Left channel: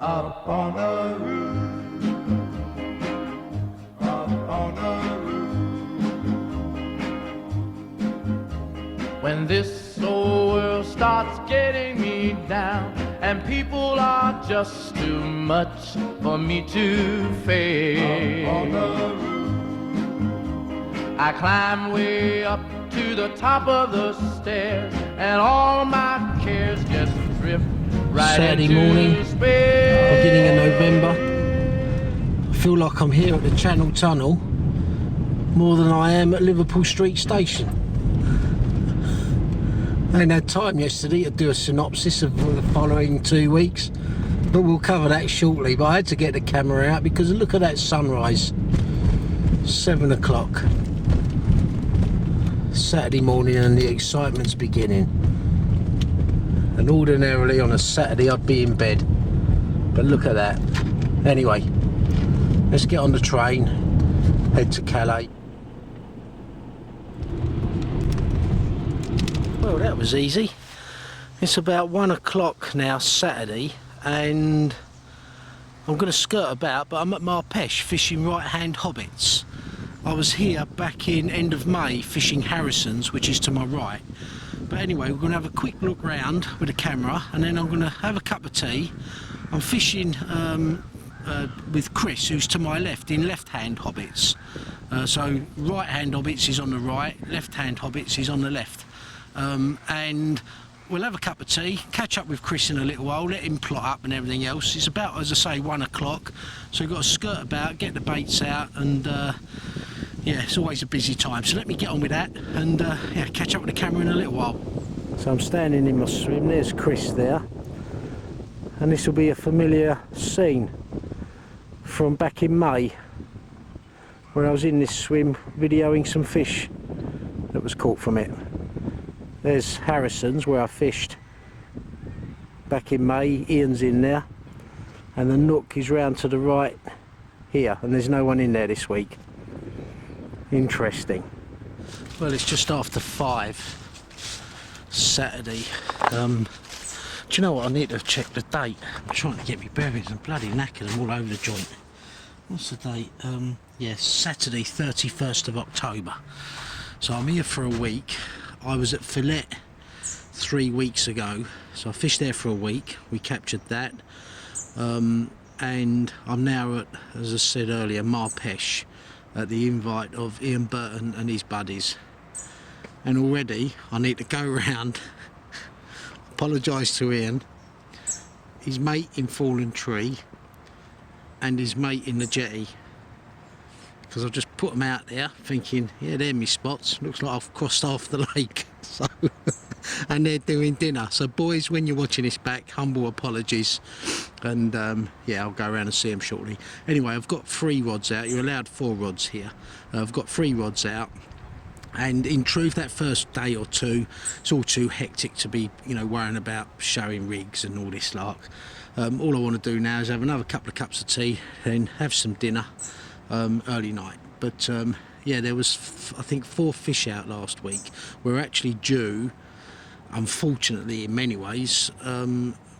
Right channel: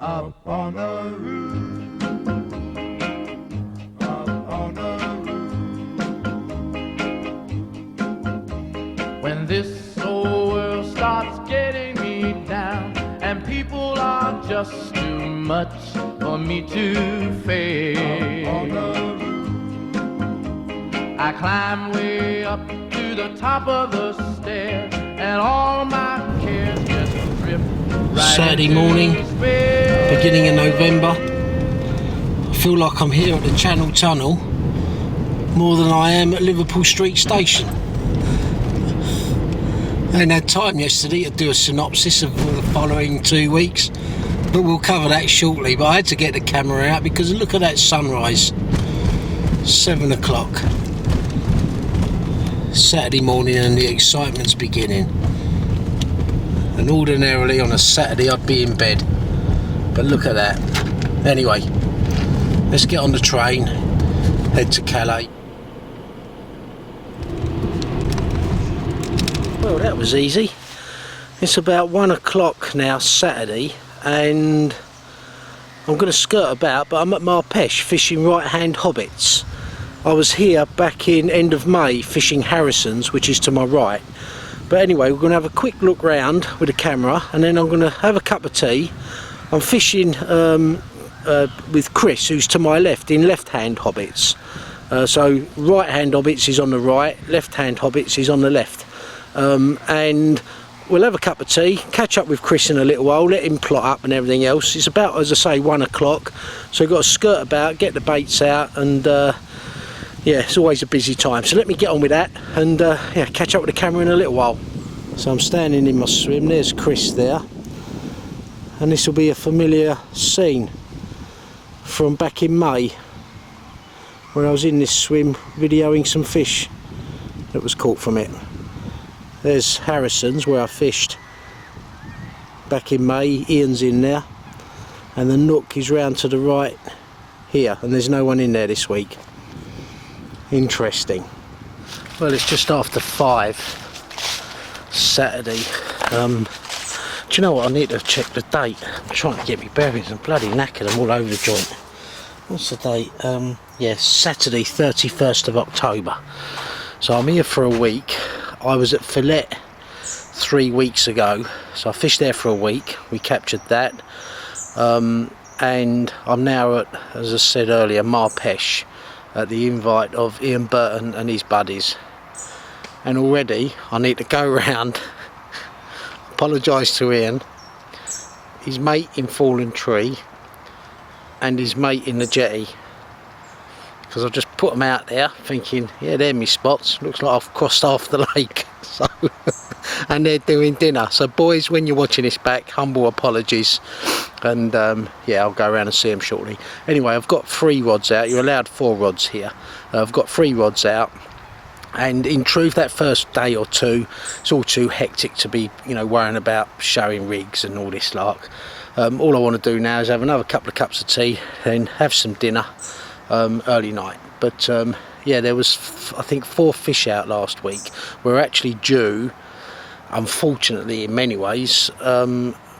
Up on a roof, up on a roof. When this old world starts getting me down, and people are just too much for me to face, up on a roof, I climb way up to the top of the stairs, and all my cares just drift right Saturday into morning, space. beginning of November. I feel like I'm here at the Channel Tunnel more than I am at Liverpool Street Station. I hadn't had time yesterday to do a synopsis of the following 2 weeks, but we'll cover that shortly. But I had to get the camera out because look at that sunrise. 7 o'clock. Saturday morning and the excitement's beginning. And ordinarily on a Saturday I'd be in bed, but look at that. Anyway, let's get on the train, head to Calais. Well, that was easy. It's about 1 o'clock now, Saturday, and I'm going to skirt about, but I'm at Peche fishing right-hand hobbits. I was here back in end of May fishing Harrison's, which is to my right. But anyway, we're going to have a quick look round with the camera, and then I'm going to have a cup of tea. I'm fishing with Chris, who's to my left, in left-hand hobbits. So right-hand hobbits is on the right, left-hand hobbits is on the left. And we'll have a cup of tea, catch up with Chris in a little while, let him plot up and everything else. It's about, as I say, 1 o'clock, so we've got to skirt about, get the baits out, and yeah, it's always a busy time. So let me get on with that and yeah, catch up with the camera in a little while. So I'm standing in my swim, there's Chris there, and this will be a familiar scene from back in May, where I was in this swim videoing some fish that was caught from it. There's Harrison's, where I fished back in May. Ian's in there, and the nook is round to the right here, and there's no one in there this week. Interesting. Well, it's just after 5 Saturday. Do you know what? I need to check the date. I'm trying to get me bearings. I'm bloody knackered. I'm all over the joint. What's the date? Yeah, Saturday 31st of October. So I'm here for a week. I was at Fillet 3 weeks ago, so I fished there for a week. We captured that, and I'm now at, as I said earlier, Peche, at the invite of Ian Burton and his buddies. And already I need to go round, apologise to Ian, his mate in Fallen Tree and his mate in the jetty, because I've just put them out there thinking, yeah, they're my spots, looks like I've crossed half the lake. So and they're doing dinner. So boys, when you're watching this back, humble apologies, and yeah, I'll go around and see them shortly. Anyway, I've got 3 rods out. You're allowed 4 rods here. I've got 3 rods out, and in truth, that first day or two, it's all too hectic to be, you know, worrying about showing rigs and all this lark. All I want to do now is have another couple of cups of tea, then have some dinner early night. But yeah, there was I think 4 fish out last week. We're actually due, unfortunately in many ways,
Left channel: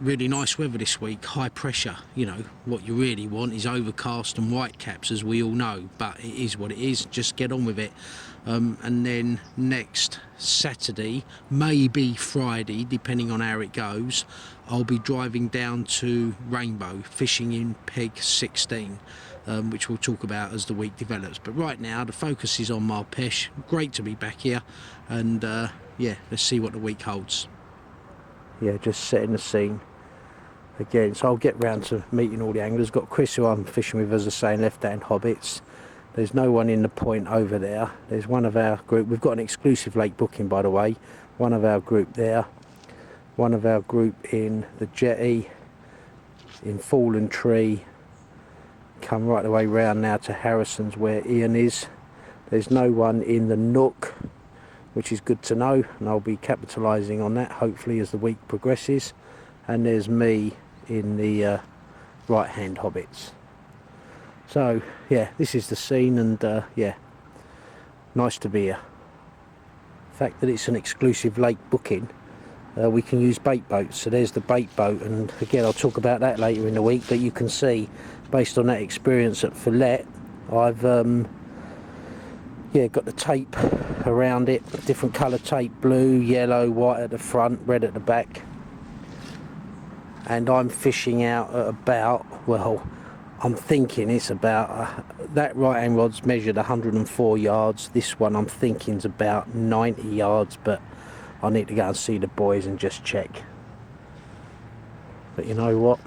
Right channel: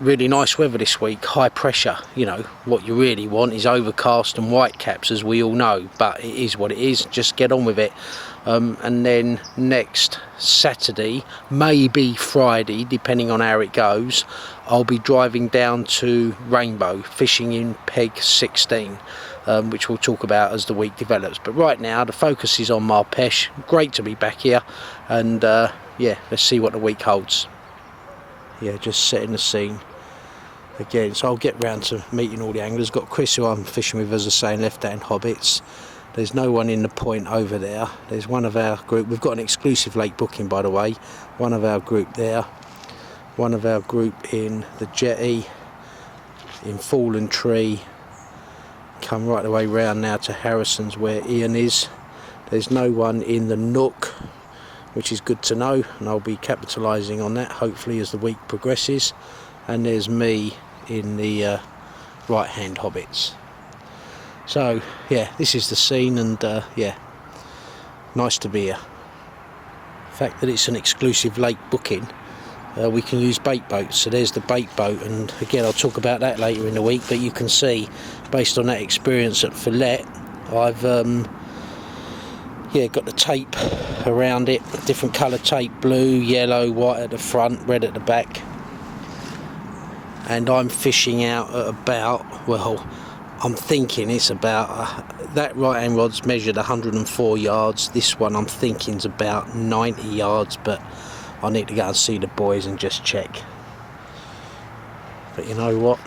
really nice weather this week, high pressure. You know, what you really want is overcast and white caps, as we all know, but it is what it is, just get on with it. And then next Saturday, maybe Friday, depending on how it goes, I'll be driving down to Rainbow, fishing in Peg 16, which we'll talk about as the week develops. But right now the focus is on Peche. Great to be back here, and yeah, let's see what the week holds. Yeah, just setting the scene again. So I'll get round to meeting all the anglers. Got Chris, who I'm fishing with, as I say, in left-hand hobbits. There's no one in the point over there. There's one of our group. We've got an exclusive lake booking, by the way. One of our group there. One of our group in the jetty, in Fallen Tree. Come right the way round now to Harrison's, where Ian is. There's no one in the nook, which is good to know, and I'll be capitalising on that hopefully as the week progresses. And there's me in the right-hand hobbits. So yeah, this is the scene, and yeah, nice to be here. The fact that it's an exclusive lake booking we can use bait boats. So there's the bait boat, and again I'll talk about that later in the week, but you can see based on that experience at Fillet, I've got the tape around it, different colour tape, blue, yellow, white at the front, red at the back, and I'm fishing out at about, well, I'm thinking it's about that right hand rod's measured 104 yards, this one I'm thinking is about 90 yards, but I need to go and see the boys and just check. But you know what,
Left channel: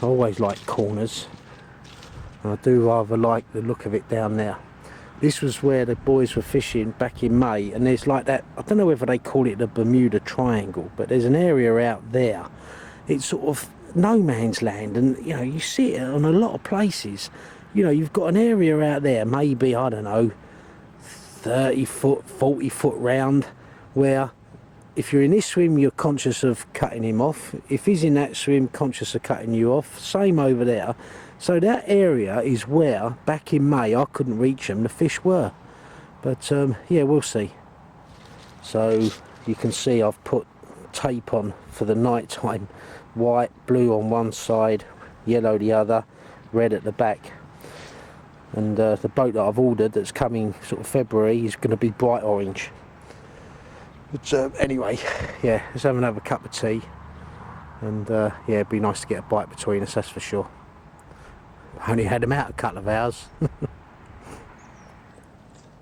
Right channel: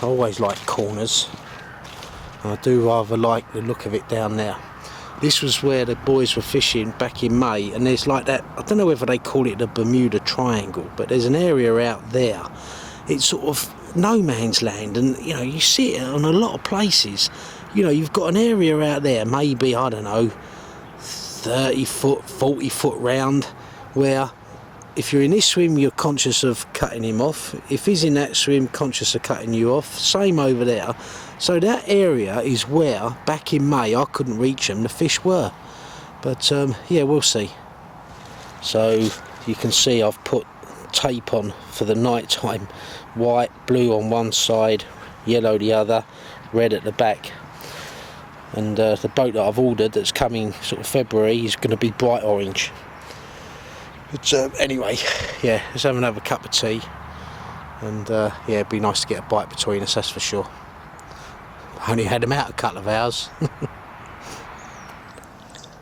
I always like corners, and I do rather like the look of it down there. This was where the boys were fishing back in May, and there's like that, I don't know whether they call it the Bermuda Triangle, but there's an area out there, it's sort of no man's land, and you know, you see it on a lot of places. You know, you've got an area out there, maybe, I don't know, 30 foot, 40 foot round, where if you're in this swim you're conscious of cutting him off, if he's in that swim conscious of cutting you off, same over there. So that area is where back in May I couldn't reach them, the fish were, but yeah, we'll see. So you can see I've put tape on for the night time, white, blue on one side, yellow the other, red at the back. And the boat that I've ordered that's coming sort of February is going to be bright orange. But anyway, yeah, let's have another cup of tea, and yeah, it'd be nice to get a bite between us, that's for sure. Only had them out a couple of hours.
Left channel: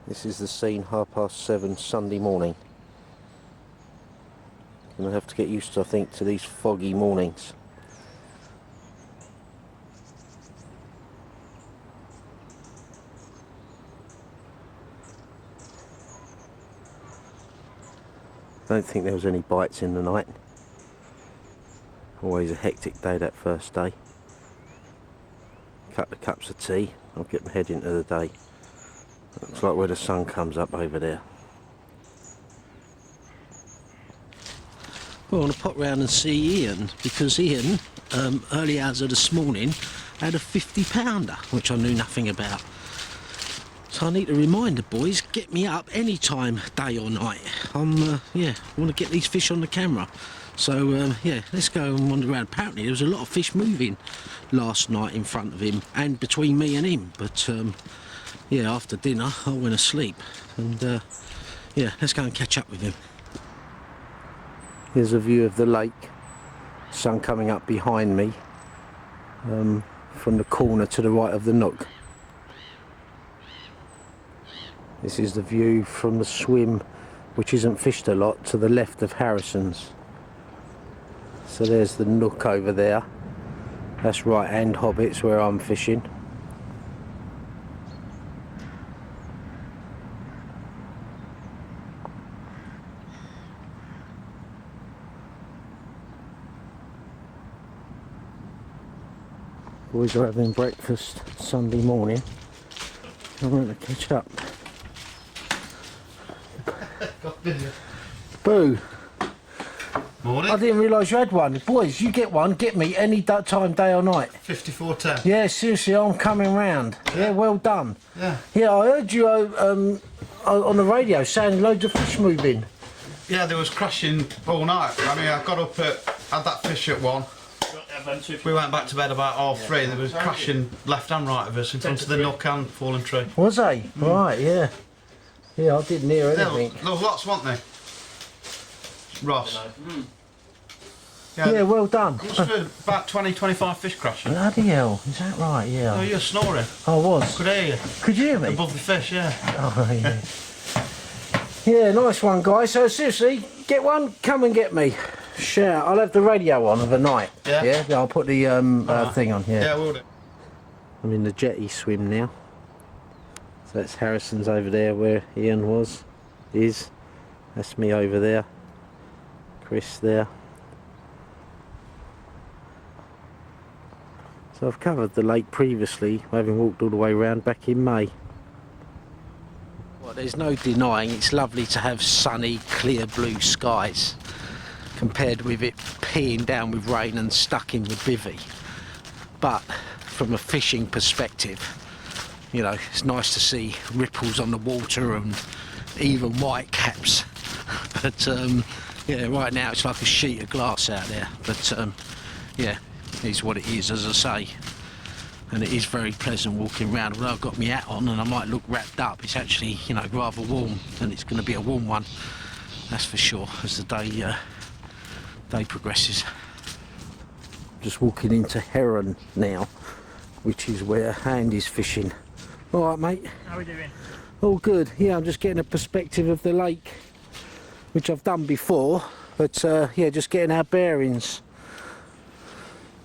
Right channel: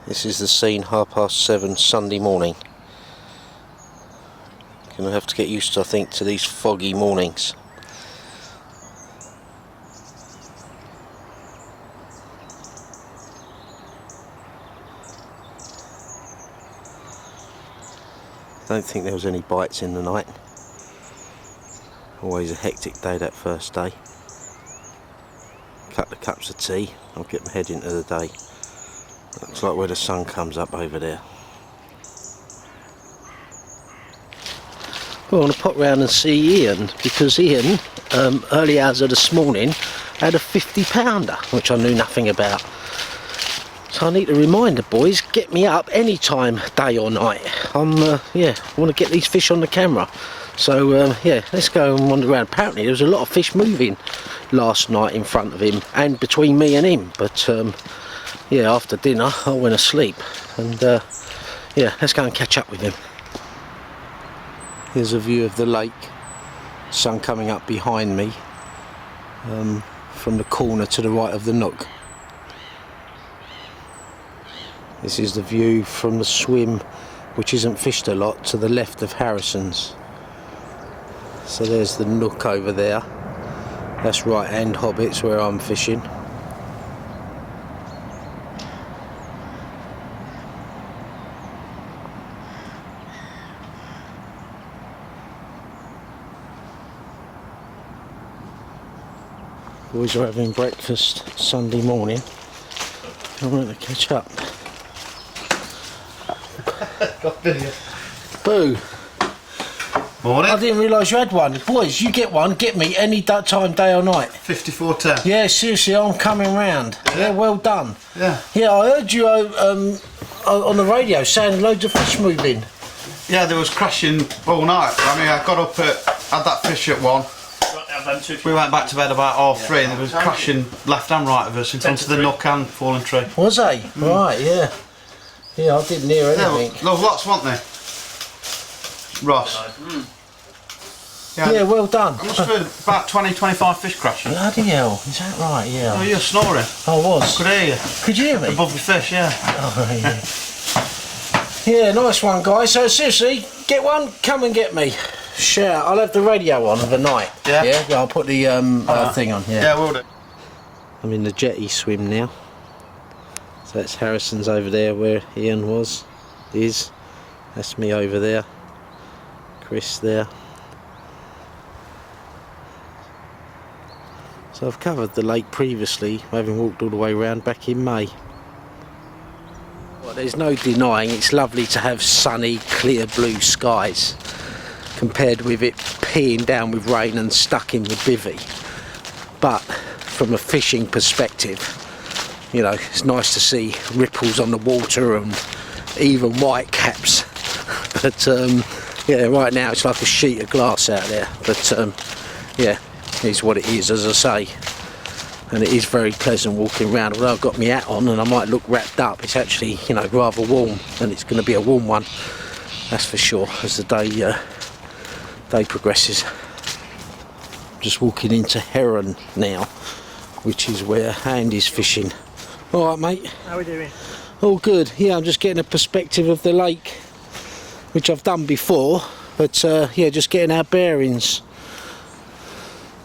This is the scene, 7:30 Sunday morning. Gonna have to get used to, I think, to these foggy mornings. Don't think there was any bites in the night. Always a hectic day that first day. Couple of cups of tea, I'll get my head into the day. Looks like where the sun comes up over there. Well, I want to pop round and see Ian, because Ian, early hours of this morning, had a 50-pounder, which I knew nothing about. So I need to remind the boys, get me up any time, day or night. Yeah, I want to get these fish on the camera. So yeah, let's go and wander around. Apparently there was a lot of fish moving last night in front of him and between me and him. But yeah, after dinner I went asleep, and yeah, let's go and catch up with him. Here's a view of the lake, sun coming up behind me from the corner to the right of the nook. This is the view from the swim, which isn't fished a lot, to the left of Harrison's. So there's the nook over there. That's right hand Hobbits where I'm fishing. Boys are having breakfast Sunday morning. I'm going to catch up. Boo. Morning. I didn't realise you had one. Boys, you get one, get me any time, day or night. 5410. Yeah, seriously, I'm coming round. Yeah, well done. Yeah. Yeah, I heard you on the radio saying loads of fish moving. Yeah, there was crashing all night. I mean, I got up had that fish at 1. We went back to bed about 3:30 and there was crashing left and right of us in front of the nook and fallen tree. Was they? Right, yeah. Yeah, I didn't hear anything. There was lots, weren't there? Ross. Yeah, well done. I must have heard about 20-25 fish crashing. Bloody hell, is that right? Yeah. Oh, you were snoring. I was. Could hear you. Could you hear me? Above the fish, yeah. Oh, yeah. Yeah, nice one, guys. So seriously, get one, come and get me. Sure, I'll have the radio on of the night. Yeah? Yeah, I'll put the thing on. Yeah, we'll do. I'm in the jetty swim now. So that's Harrison's over there where Ian is. That's me over there. Chris there. So I've covered the lake previously, having walked all the way around back in May. Well, there's no denying it's lovely to have sunny, clear blue skies, compared with it peeing down with rain and stuck in the bivvy. But from a fishing perspective, you know, it's nice to see ripples on the water and even white caps. But Yeah, right now it's like a sheet of glass out there, but yeah, it's what it is, as I say. And it is very pleasant walking around. Although I've got my hat on and I might look wrapped up, it's actually, you know, rather warm, and it's going to be a warm one, that's for sure, as the day progresses. Just walking into Heron now, which is where Andy's fishing. All right, mate. How are we doing? All good. Yeah, I'm just getting a perspective of the lake, which I've done before, but yeah, just getting our bearings.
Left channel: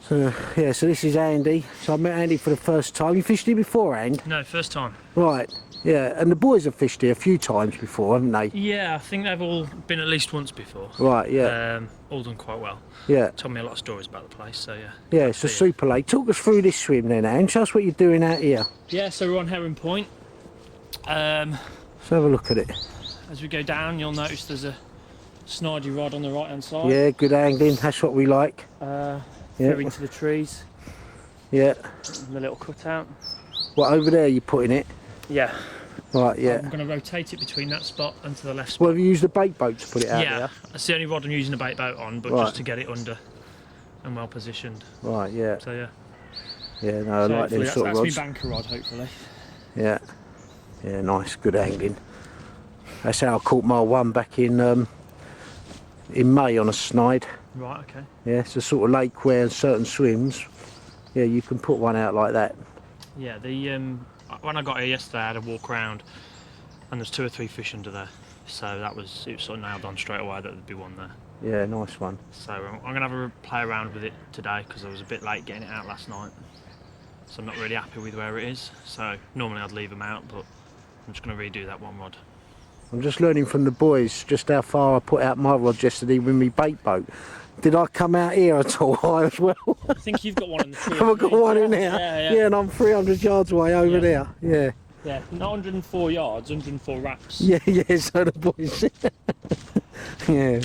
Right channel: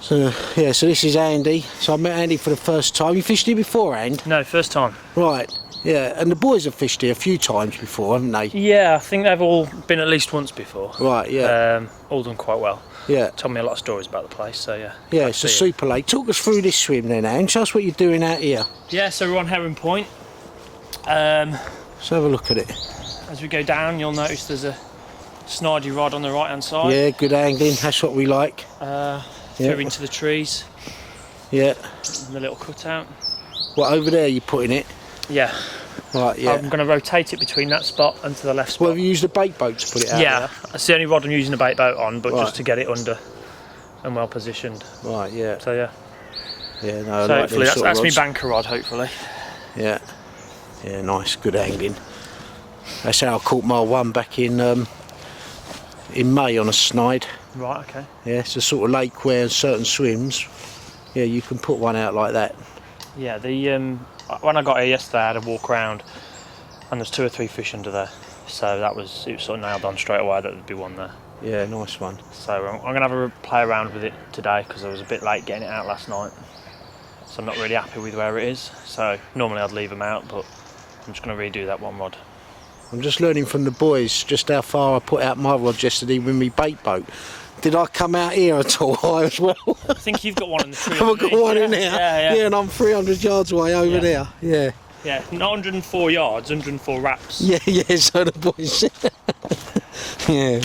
So yeah, so this is Andy. So I met Andy for the first time. You fished here before, Andy? No, first time. Right. Yeah, and the boys have fished here a few times before, haven't they? Yeah, I think they've all been at least once before. Right. Yeah. All done quite well. Yeah. Told me a lot of stories about the place, so yeah. Yeah, it's a super lake. Talk us through this swim then, Andy. Tell us what you're doing out here. Yeah, so we're on Heron Point. Let's have a look at it. As we go down, you'll notice there's a snidey rod on the right hand side. Yeah, good angling. That's what we like. Through into the trees. Yeah. The little cutout. What, over there you're putting it? Yeah. Right, yeah. I'm going to rotate it between that spot and to the left spot. Well, have you used a bait boat to put it out Yeah, there? that's the only rod I'm using a bait boat on, but Right. just to get it under and well positioned. Right, yeah. So yeah. Yeah, no, I So like hopefully them that's sort me of rods. banker rod, hopefully. Yeah. Yeah, nice, good angling. That's how I caught my one back in May on a snide. Right, okay. Yeah, it's a sort of lake where certain swims, yeah, you can put one out like that. Yeah, the when I got here yesterday, I had a walk around, and there's 2 or 3 fish under there. So it was sort of nailed on straight away that there'd be one there. Yeah, nice one. So I'm gonna have a play around with it today because I was a bit late getting it out last night. So I'm not really happy with where it is. So normally I'd leave them out, but I'm just gonna redo that one rod. I'm just learning from the boys just how far I put out my rod yesterday with my bait boat. Did I come out here at all high as well? I think you've got one in the tree. Have I got one in there? Yeah. Yeah, and I'm 300 yards away over Yeah. there. Yeah. Yeah, not 104 yards, 104 wraps. Yeah, so the boys. Yeah.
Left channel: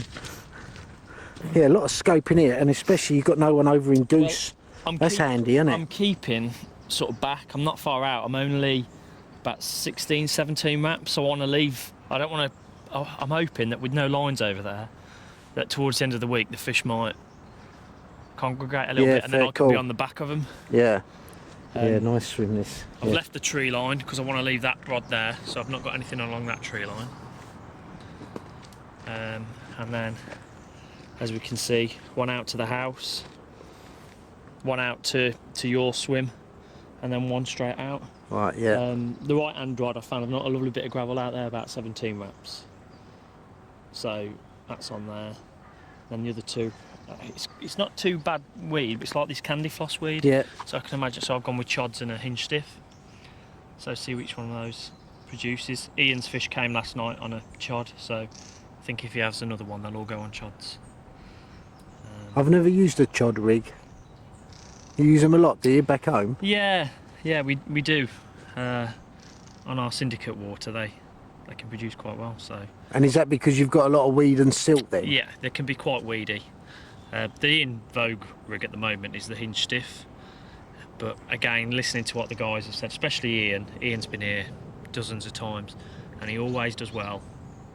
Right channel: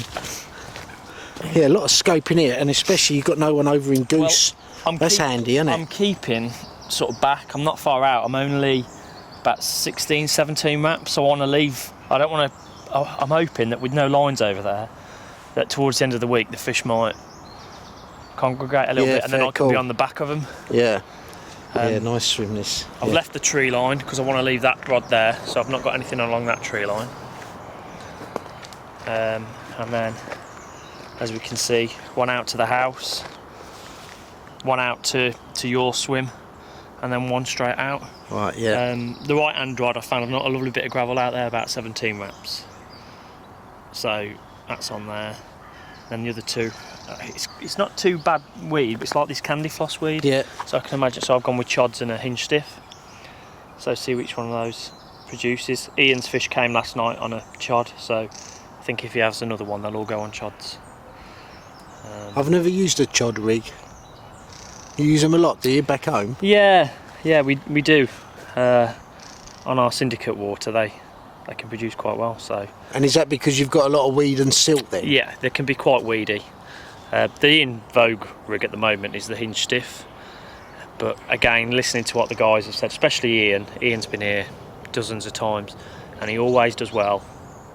Yeah, a lot of scope in here, and especially you've got no one over in Goose. That's handy, isn't it? I'm keeping sort of back. I'm not far out. I'm only about 16, 17 wraps. So I want to leave. I don't want to. I'm hoping that with no lines over there, that towards the end of the week the fish might congregate a little bit, and then I can be on the back of them. Yeah. Yeah, nice swim this. I've left the tree line because I want to leave that rod there, so I've not got anything along that tree line. And then, as we can see, one out to the house, one out to your swim, and then one straight out. Right, yeah. The right hand rod, I found a lovely bit of gravel out there, about 17 wraps. So that's on there. Then the other 2, it's not too bad weed, but it's like this candy floss weed. Yeah. So I can imagine. So I've gone with chods and a hinge stiff. So see which one of those produces. Ian's fish came last night on a chod, so I think if he has another one, they'll all go on chods. I've never used a chod rig. You use them a lot, do you, back home? Yeah, we do. On our syndicate water, they can produce quite well. So. And is that because you've got a lot of weed and silt then? Yeah, they can be quite weedy. The in vogue rig at the moment is the hinge stiff. But again, listening to what the guys have said, especially Ian's been here dozens of times, and he always does well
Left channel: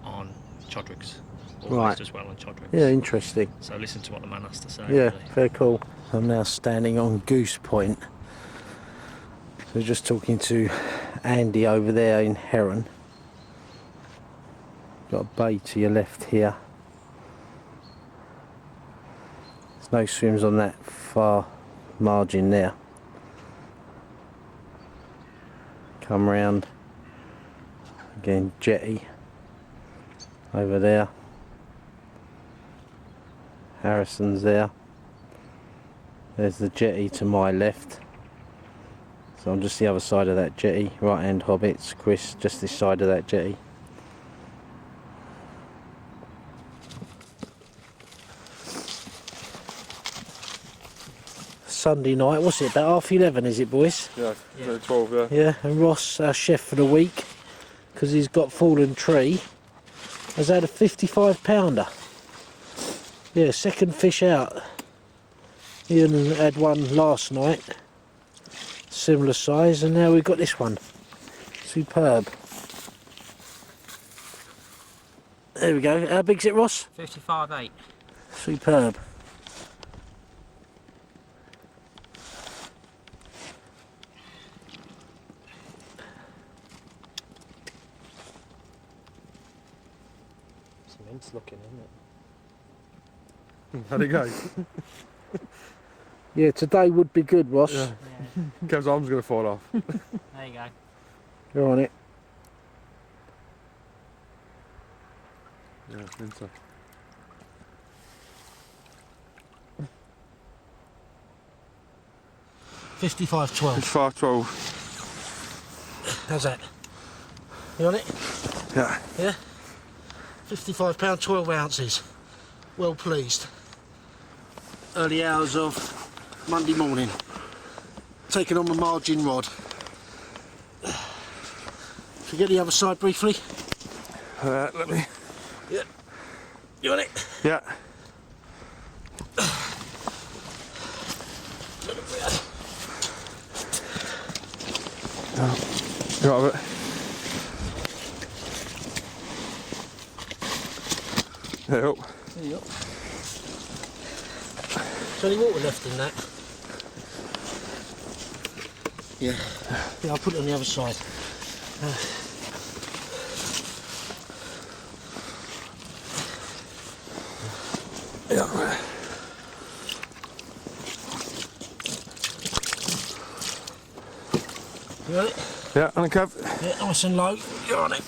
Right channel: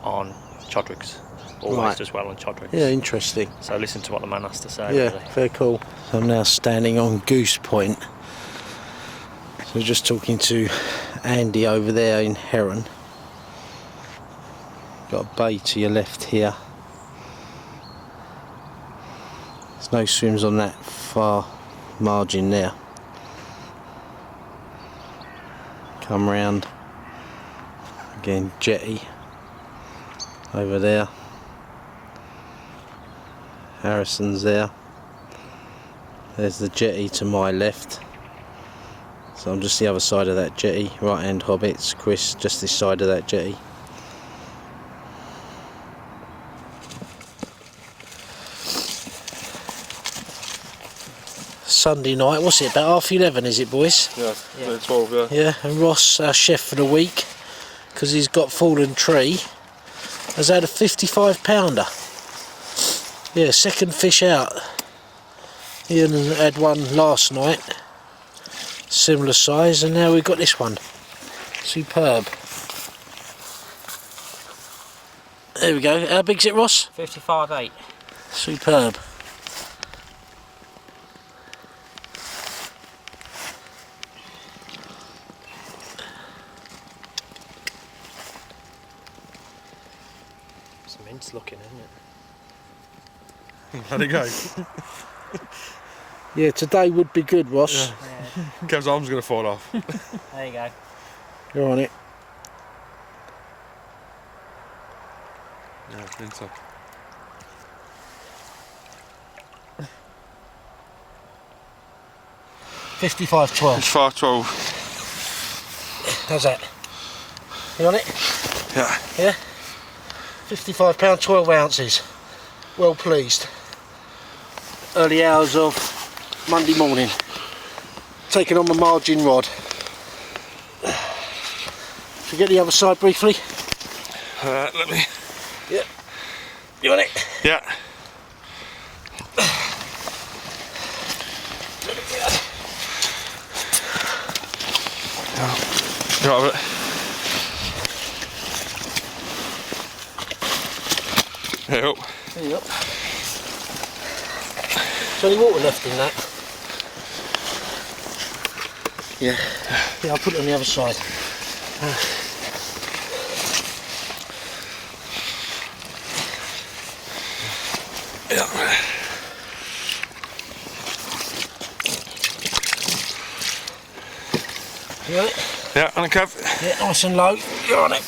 on chod rigs. Always does well on chod rigs. Yeah, interesting. So listen to what the man has to say, Yeah, really. very cool. I'm now standing on Goose Point. So we're just talking to Andy over there in Heron. Got a bay to your left here. There's no swims on that far margin there. Come round again, jetty over there. Harrison's there. There's the jetty to my left. So I'm just the other side of that jetty. Right hand hobbits, Chris just this side of that jetty. Sunday night, what's it, about 11:30 is it, boys? Yeah, 12, yeah. Yeah, and Ross, our chef for the week, because he's got fallen tree, has had a 55 pounder. Yeah, second fish out. Ian had one last night, similar size, and now we've got this one. Superb. There we go. How big's it, Ross? 55.8. Superb. It's immense looking, isn't it? Let it go. Yeah, today would be good, Ross. Yeah. Kev's arm's going to fall off. There you go. You're on it. Yeah, I think so. 55.12. 512. How's that? You on it? Yeah. Yeah? £55, 12 ounces. Well pleased. Early hours of Monday morning. Taking on my margin rod. Should we get the other side briefly? Let me. Yeah. You on it? Yeah. You got it. Hey up. There you go. Is there any water left in that? Yeah. Yeah, I'll put it on the other side. Yeah. You on it? Yeah, on a Kev. Yeah, nice and low. You're on it.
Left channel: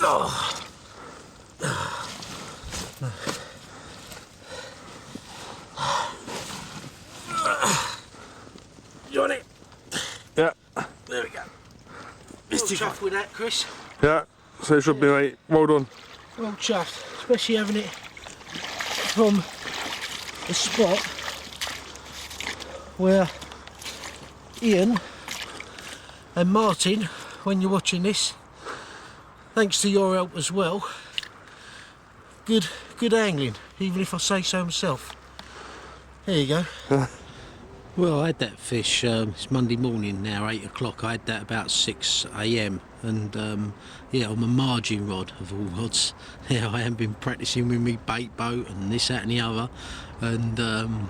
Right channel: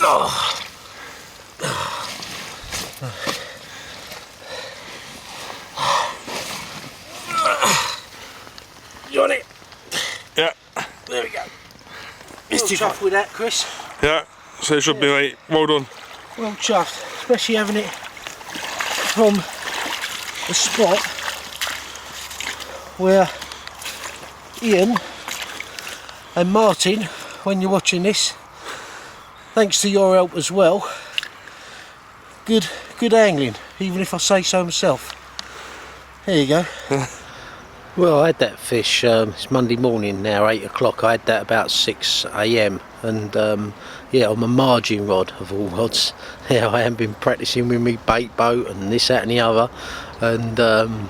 Oh. You on it? Yeah. There we go. Well chuffed with that, Chris. Yeah. So it should be like, well done. Well chuffed, especially having it from the spot where Ian and Martin, when you're watching this, thanks to your help as well, good angling, even if I say so myself. There you go. Yeah. Well, I had that fish, it's Monday morning now, 8 o'clock, I had that about 6 AM and yeah, on my margin rod of all rods. Yeah, I haven't been practising with me bait boat and this, that and the other, and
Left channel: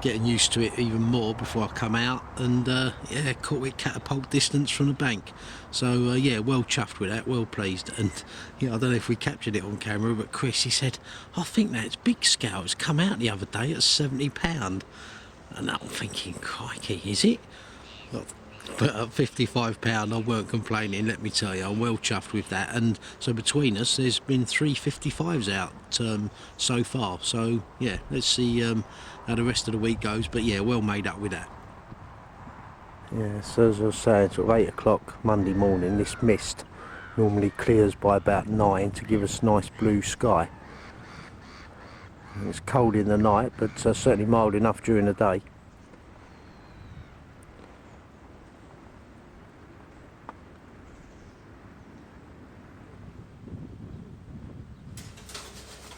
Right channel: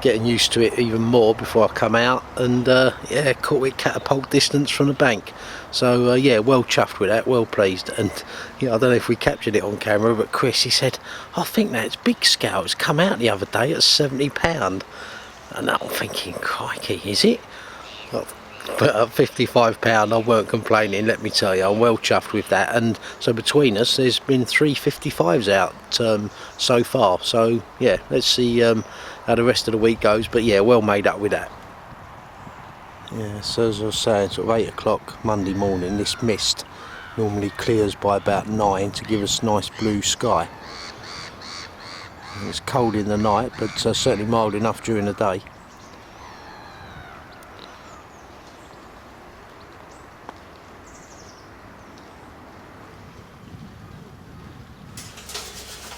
getting used to it even more before I come out, and yeah, caught it catapult distance from the bank. So yeah, well chuffed with that, well pleased. And yeah, I don't know if we captured it on camera, but Chris, he said, I think that's big scale, it's come out the other day at £70. And I'm thinking, crikey, is it? Well, but at £55 I weren't complaining, let me tell you. I'm well chuffed with that. And so between us there's been 3 55s out so far, so yeah, let's see how the rest of the week goes, but yeah, well made up with that. Yeah, so as I was saying, sort of 8 o'clock Monday morning, this mist normally clears by about 9 to give us nice blue sky. It's cold in the night, but certainly mild enough during the day.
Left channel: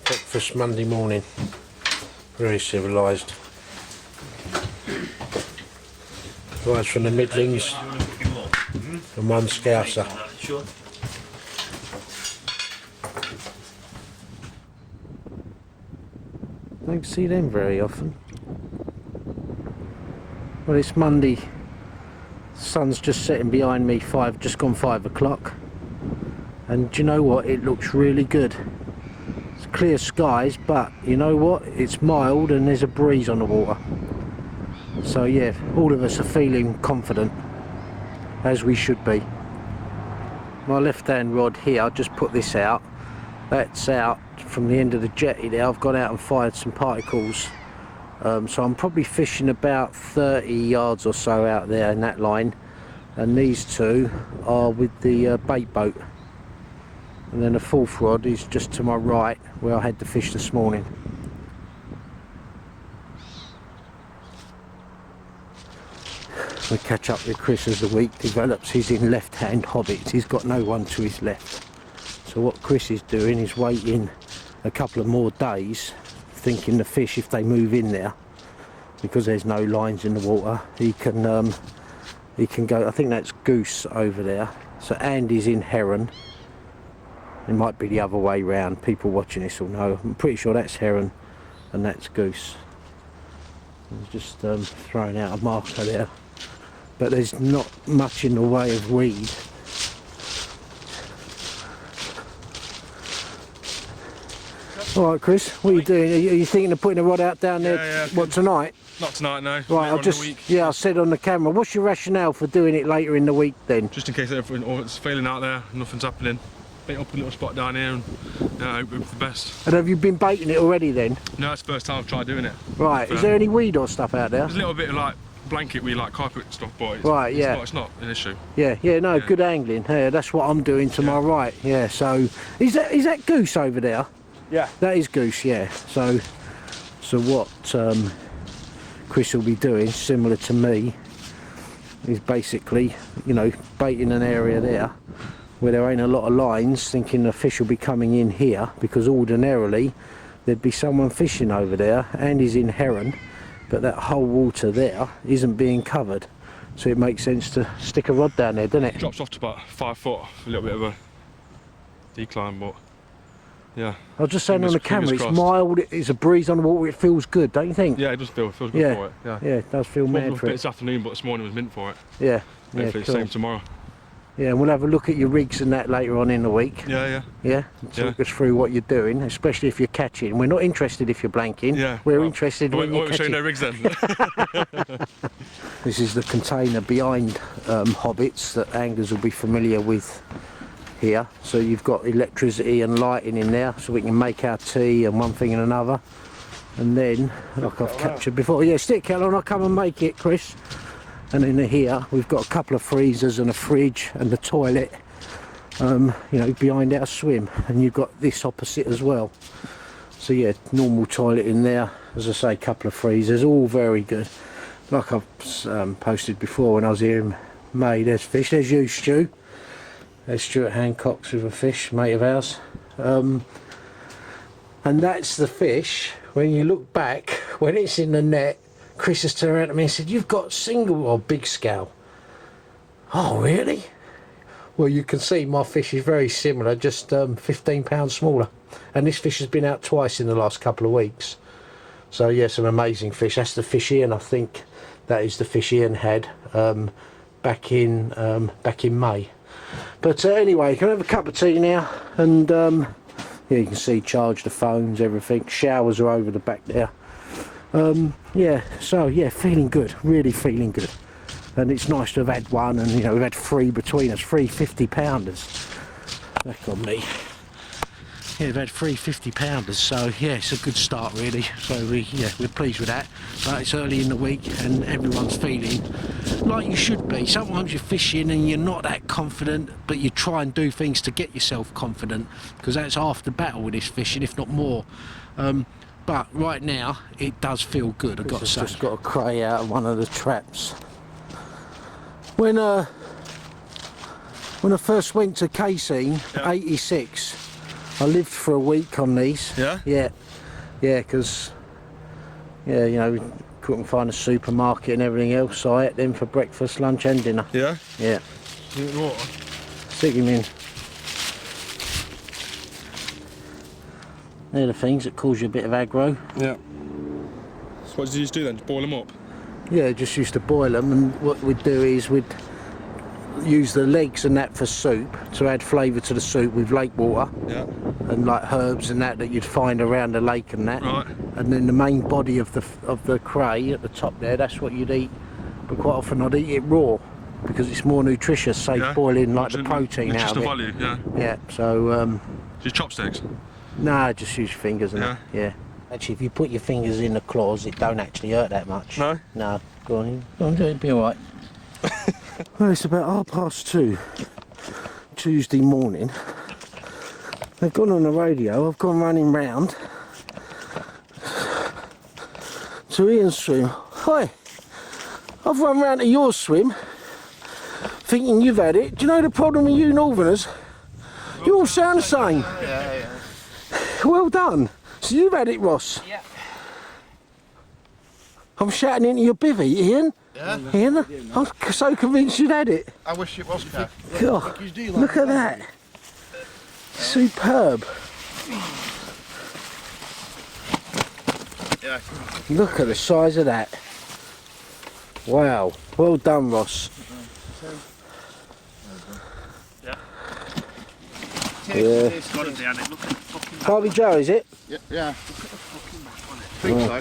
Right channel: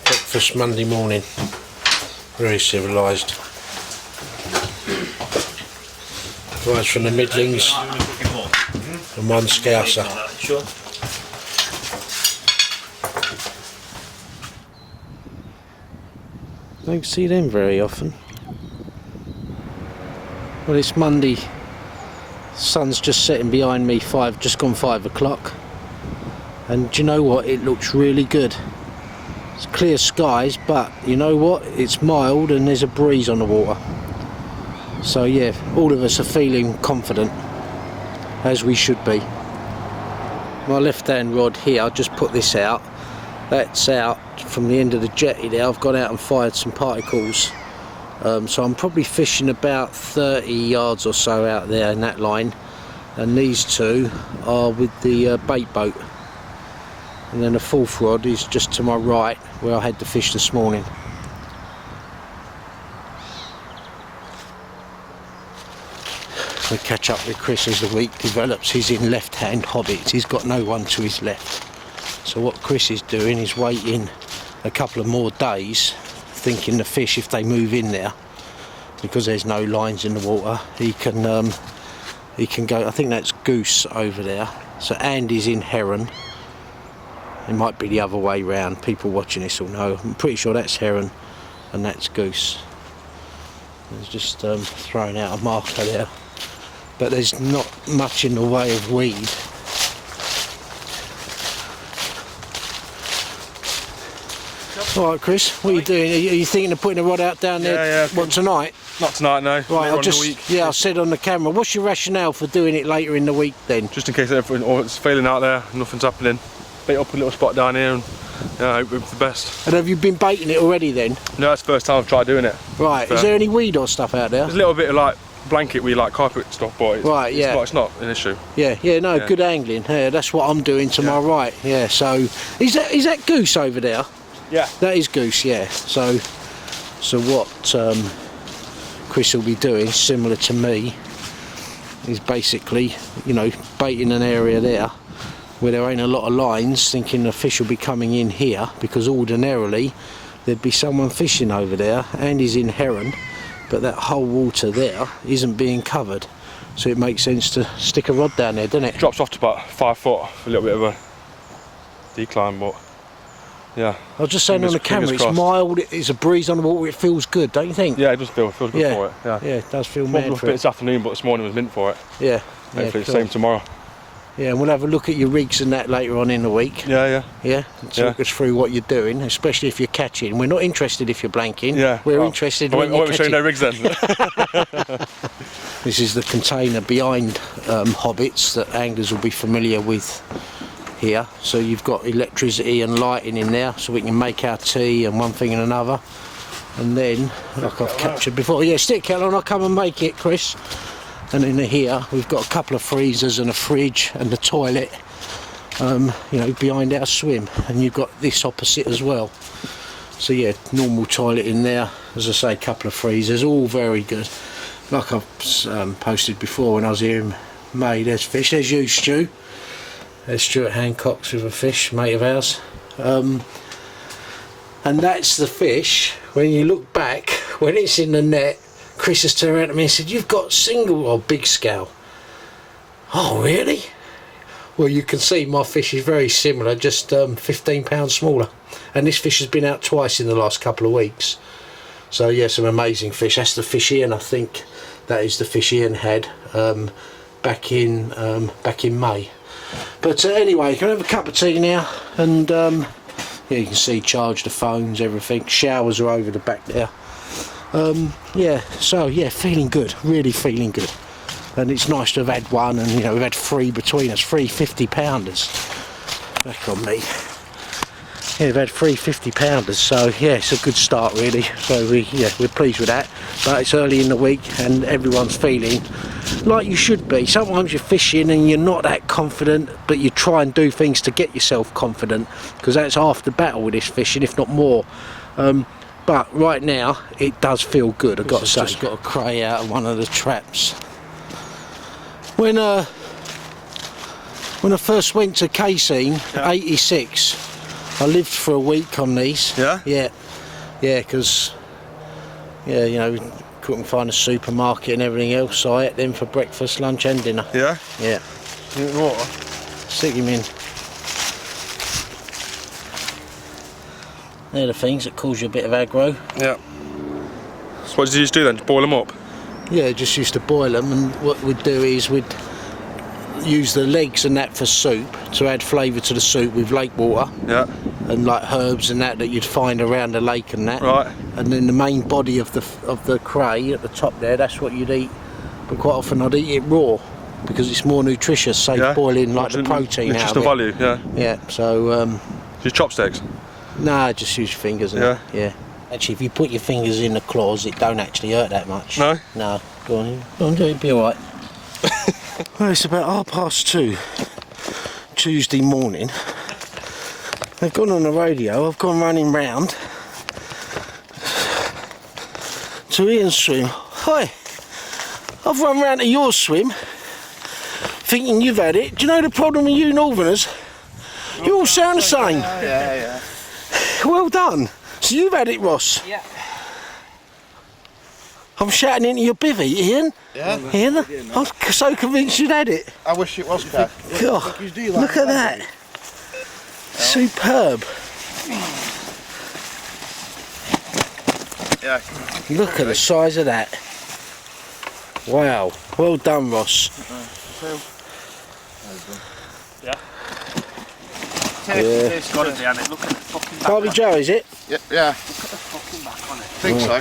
Breakfast Monday morning, very civilised. Guys from the Midlands and one Scouser. Sure. Don't see them very often. Well, it's Monday. Sun's just setting behind me, just gone 5 o'clock. And do you know what? It looks really good. It's clear skies, but you know what? It's mild and there's a breeze on the water. So yeah, all of us are feeling confident, as we should be. My left-hand rod here, I just put this out. That's out from the end of the jetty there. I've gone out and fired some particles, so I'm probably fishing about 30 yards or so out there in that line, and these two are with the bait boat, and then the fourth rod is just to my right where I had the fish this morning. We catch up with Chris as the week develops. He's in left-hand hobbits, he's got no one to his left. So what Chris is doing is waiting a couple of more days thinking the fish, if they move in there, because there's no lines in the water, he can go. I think that's goose over there. So Andy's in heron. It might be the other way round. People watching this will know. I'm pretty sure that's heron and that's goose. There's just throwing out a marker there, but there's not much in the way of weed. All right, Chris, what are you doing? Are you thinking of putting a rod out down there? Yeah. What, tonight? Not tonight, no. Right, Later on in the week. Yeah, I said on the camera. What's your rationale for doing it later in the week then? Just in case it's failing out there, nothing's happening. Bait up a little spot down here and I hope for the best. And have you been baiting it already then? No, that's the first time I've tried doing it. Right, is there any weed or stuff out there? There's a little bit of like blanket weed, like carpet stuff, but it's not an issue. Yeah, good angling. Yeah, that's what I'm doing to my right. Yeah, so is that goose over there? Yeah. That is goose, yeah. So what Chris will be doing, similar to me, is basically, baiting an area there where there ain't a lot of lines, thinking the fish will be coming in here, because ordinarily there'd be someone fishing over there, and he's in heron, but that whole water there isn't being covered. So it makes sense to stick a rod down there, doesn't it? Drops off to about 5 foot, a little bit of a decline, but yeah. I was just saying on the camera, it's mild, it's a breeze on the water, it feels good, don't you think? Yeah, it does feels good for it. Yeah, it does feel warmed mad up a for bit it. this afternoon, but this morning was mint for it. Yeah. Hopefully the same tomorrow. Yeah, and we'll have a look at your rigs and that later on in the week. Yeah. Yeah, talk us through what you're doing, especially if you're catching. We're not interested if you're blanking. Yeah. We're interested. I won't show you no rigs then. This is the container behind Hobbits that anglers will be familiar with here. So you've got electricity and lighting in there, so we can make our tea and one thing and another. And then, like I've captured before, yeah, stick kettle on, I'll come and make it, Chris. And in here we've got a couple of freezers and a fridge and the toilet, behind our swim. And you've got this opposite as well. So yeah, normal toilet in there, as I say, a couple of freezers, all very good. Like I've posted before when I was here in May, there's fish. There's you, Stu. There's Stuart Hancock's with a fish, mate of ours. And that's the fish. When you look back, when it's in the net, Chris has turned around to me and said, "You've got single or big scale." Oh, really? Well, you can see my fish is very similar, just 15 pounds smaller. And this fish has been out twice in the last couple of weeks. So yeah, some amazing fish. That's the fish Ian, I think. That is the fish Ian had back in May. But anyway, can I have a cup of tea now? And yeah, you can see charge the phones, everything. Showers are over the back there. Yeah, so yeah, feeling good, really feeling good. And it's nice to have had one, and we've had 3 between us, 3 50-pounders. Back on me. Yeah, we've had 3 50-pounders, so yeah, it's a good start really. So we're pleased with that. But it's early in the week and everyone's feeling like you should be. Sometimes you're fishing and you're not that confident, but you try and do things to get yourself confident, because that's half the battle with this fishing, if not more. But right now it does feel good, I've got to say. Just got a cray out of one of the traps. When I first went to Casein, 86, I lived for a week on these. Yeah? Yeah, because couldn't find a supermarket and everything else, so I ate them for breakfast, lunch and dinner. Yeah? Yeah. You need water? Stick them in. They're the things that cause you a bit of aggro. Yeah. So what did you just do then? Just boil them up? Yeah, just used to boil them, and what we'd do is we'd use the legs and that for soup, to add flavour to the soup with lake water. Yeah. And like herbs and that you'd find around the lake and that. Right. And then the main body of the cray at the top there, that's what you'd eat. But quite often I'd eat it raw, because it's more nutritious, so boiling like the protein out of it. Nutritional value, yeah. Yeah, so Just chopsticks? Nah, just use your fingers. Yeah. Yeah. Actually, if you put your fingers in the claws, it don't actually hurt that much. No? No. Go on, it'll be alright. Well, it's about 2:30 Tuesday morning. They've gone on the radio, I've gone running round to Ian's swim. Hi, I've run round to your swim, thinking you've had it. Do you know the problem with you Northerners? You all sound the same. Yeah. Well done. It's you've had it, Ross. Yeah. I'm shouting into your bivvy, Ian. Yeah? Ian, I'm so convinced you'd had it. I wish it was, Kev. God, look at that. Superb. Yeah. Look at the size of that. Wow. Well done, Ross. Yeah. Yeah. It's got to be on it. Look at the fucking back. Barbie Joe, is it? Yeah. Look at the fucking back on it. I think so.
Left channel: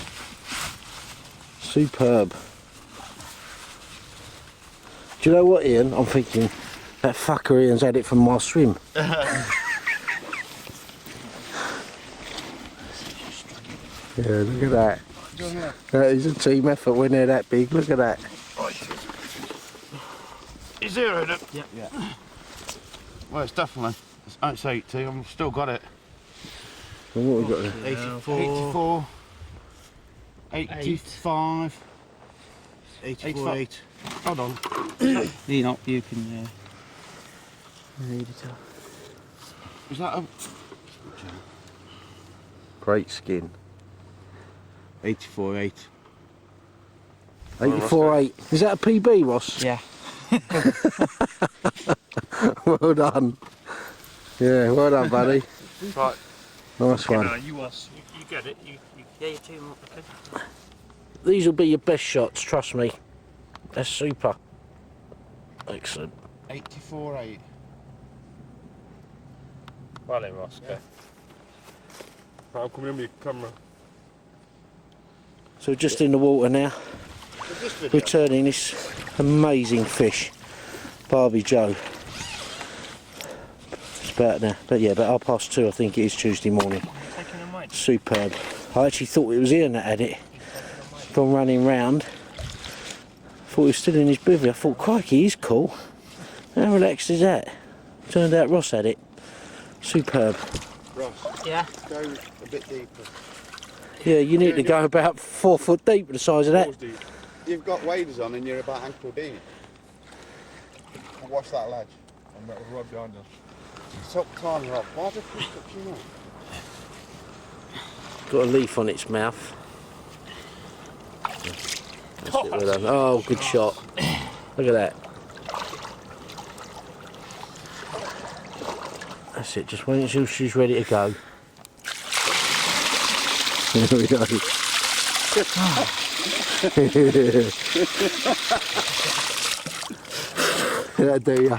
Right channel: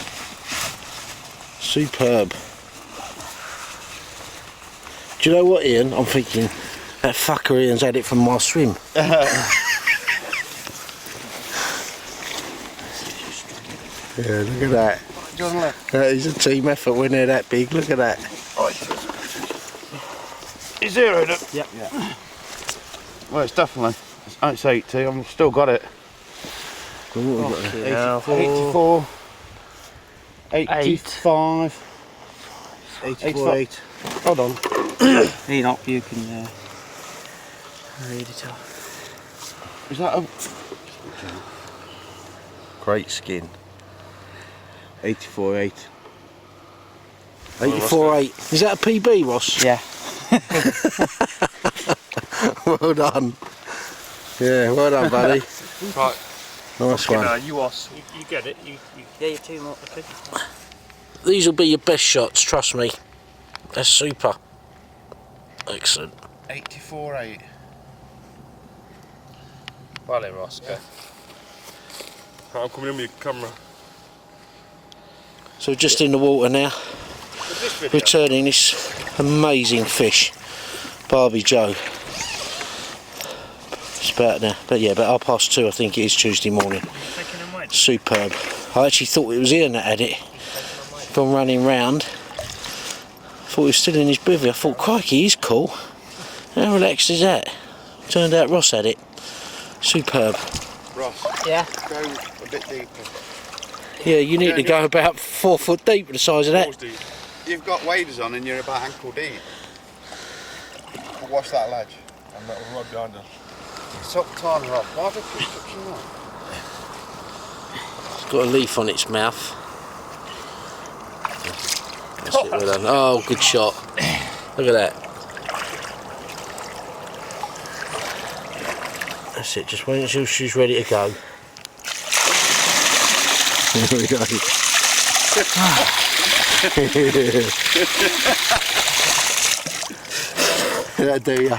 Superb. Do you know what, Ian? I'm thinking that fucker Ian's had it from my swim. Yeah, look at that. That is a team effort when they're that big. Look at that. You zeroed it? Yep. Yeah. Well, it's definitely. It's 80. I've still got it. 84. 85. 84, 8. Hold on. Enoch, you can read it off. Is that a... Great skin. 84.8. 84.8. Is that a PB, Ross? Yeah. Well done. Yeah, well done, buddy. Right. Nice Fucking one. you get it. You Yeah, you two more. okay. These will be your best shots, trust me. They're super. Excellent. 84.8. Well then, Ross, go. Right, I'm coming in with your camera. So we're just in the water now, this video? returning this amazing fish. Barbie Joe. It's about there, but yeah, about 2:30 I think it is Tuesday morning. Taking them away. Superb. I actually thought it was Ian that had it. Gone running round. Thought he was still in his bivvy. I thought, crikey, he's cool. How relaxed is that? Turned out Ross had it. Superb. Ross, Yeah. go a bit deeper. Yeah, you need Yeah, to yeah. go about 4 foot deep with the size of that. Balls deep. You've got waders on and you're about ankle deep. Watch that ledge. And that rod behind her. It's up tiny rock. Why have I keep touching that? It's got a leaf on its mouth. That's it, well done. Oh, good shot. Look at that. That's it, just wait until she's ready to go. There we go. That'll do ya.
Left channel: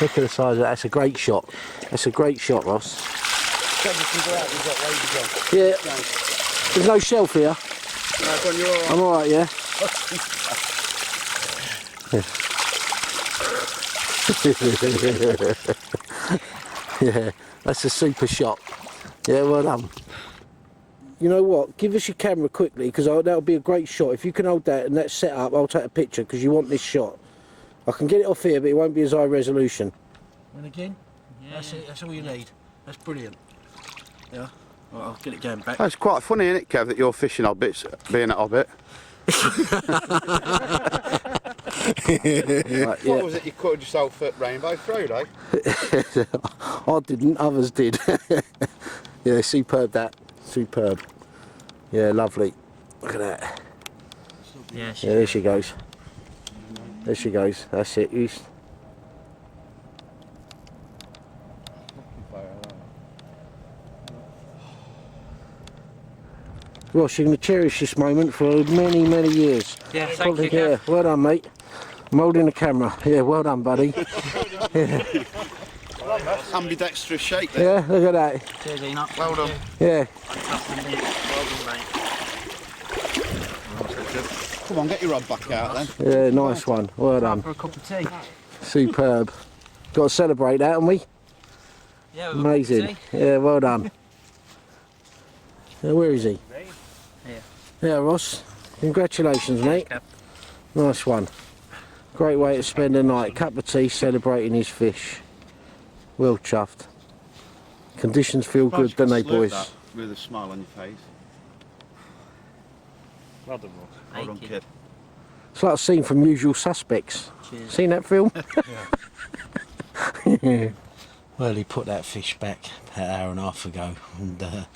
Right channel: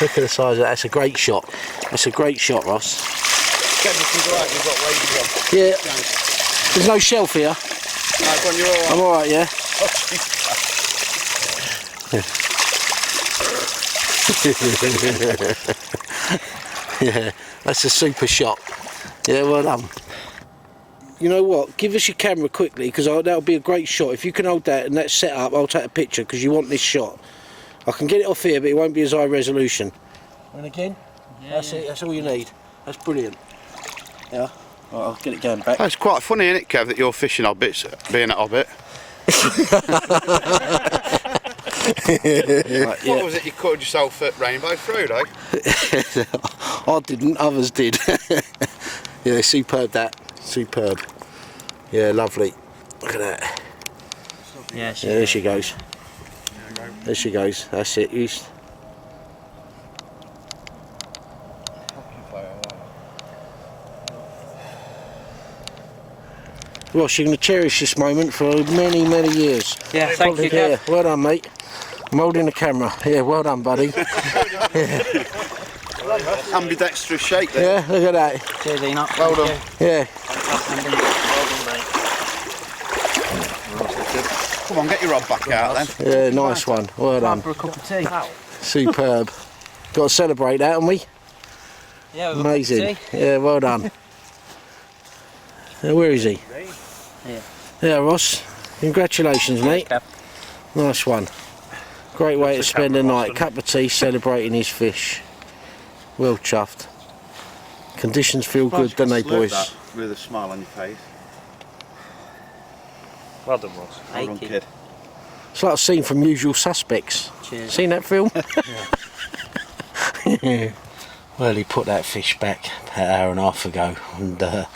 Look at the size of that, that's a great shot. It's a great shot, Ross. Yeah. There's no shelf here. I'm alright, yeah? Yeah, that's a super shot. Yeah, well done. You know what? Give us your camera quickly, because that'll be a great shot. If you can hold that and that's set up, I'll take a picture, because you want this shot. I can get it off here, but it won't be as high resolution. And again, that's it. That's all you need. That's brilliant. Yeah. Right, I'll get it going back. It's quite funny, isn't it, Kev, that you're fishing hobbits, being at Hobbit? Right, yeah. What was it you called yourself at Rainbow Frodo? I didn't, others did. Yeah, superb that. Superb. Yeah, lovely. Look at that. Yeah, Yeah, there she goes. There she goes. That's it. East. Ross, you're going to cherish this moment for many, many years. Yeah, thank you, Kev. Yeah, well done, mate. I'm holding the camera. Yeah, well done, buddy. Ambidextrous shake there. Yeah, look at that. Cheers, Enoch. Well Thank done. Yeah. Come on, get your rod back out then. Yeah, nice one. Well Time done. for a cup of tea. Superb. Got to celebrate that, haven't we? Yeah, with Amazing. a cup of tea. Yeah, well done. Where is he? Yeah. Yeah, Ross. Congratulations, mate. Kev. Nice one. Great way to That's the spend the camera, night. Ross, Cup of tea, celebrating his fish. Well chuffed. Conditions feel good, don't they, boys? That with a smile on your face. Well done, Ross. Well done, Thank you. kid. It's like a scene from Usual Suspects. Cheers. Seen that film? Yeah. Well, he put that fish back about an hour and a half ago, and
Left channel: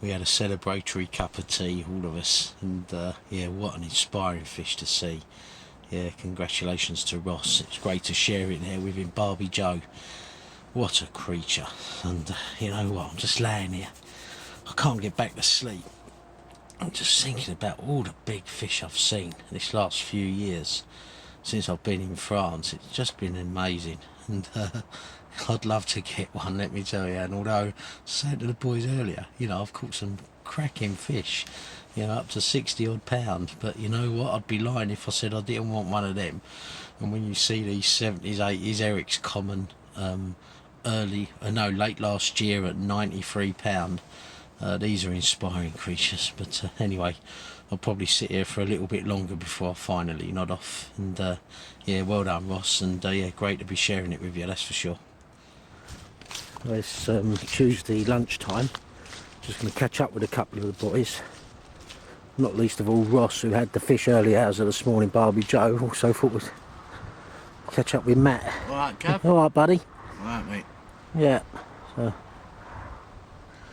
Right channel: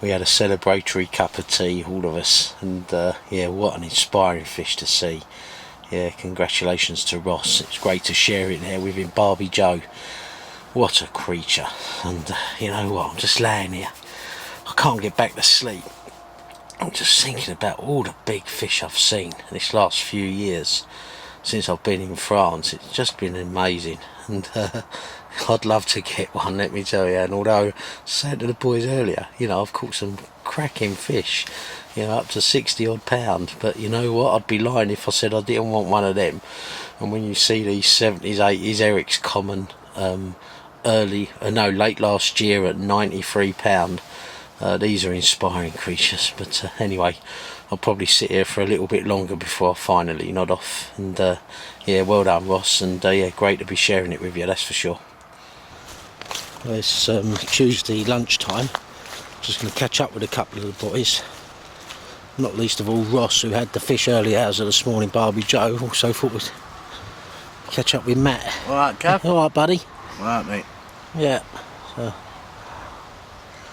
we had a celebratory cup of tea, all of us, and yeah, what an inspiring fish to see. Yeah, congratulations to Ross. It's great to share it there with him. Barbie Joe, what a creature. And you know what, I'm just laying here, I can't get back to sleep. I'm just thinking about all the big fish I've seen this last few years since I've been in France. It's just been amazing, and I'd love to get one, let me tell you. And although I said to the boys earlier, you know, I've caught some cracking fish, you know, up to 60 odd pound, but you know what, I'd be lying if I said I didn't want one of them. And when you see these 70s, 80s Eric's Common late last year at 93 pound, these are inspiring creatures. But anyway, I'll probably sit here for a little bit longer before I finally nod off. And yeah, well done, Ross, and yeah, great to be sharing it with you, that's for sure. It's Tuesday lunchtime. Just going to catch up with a couple of the boys, not least of all Ross, who had the fish early hours of this morning. Barbie Joe also thought we'd catch up with Matt. Alright, Cav? Alright, buddy. Alright, mate. Yeah, so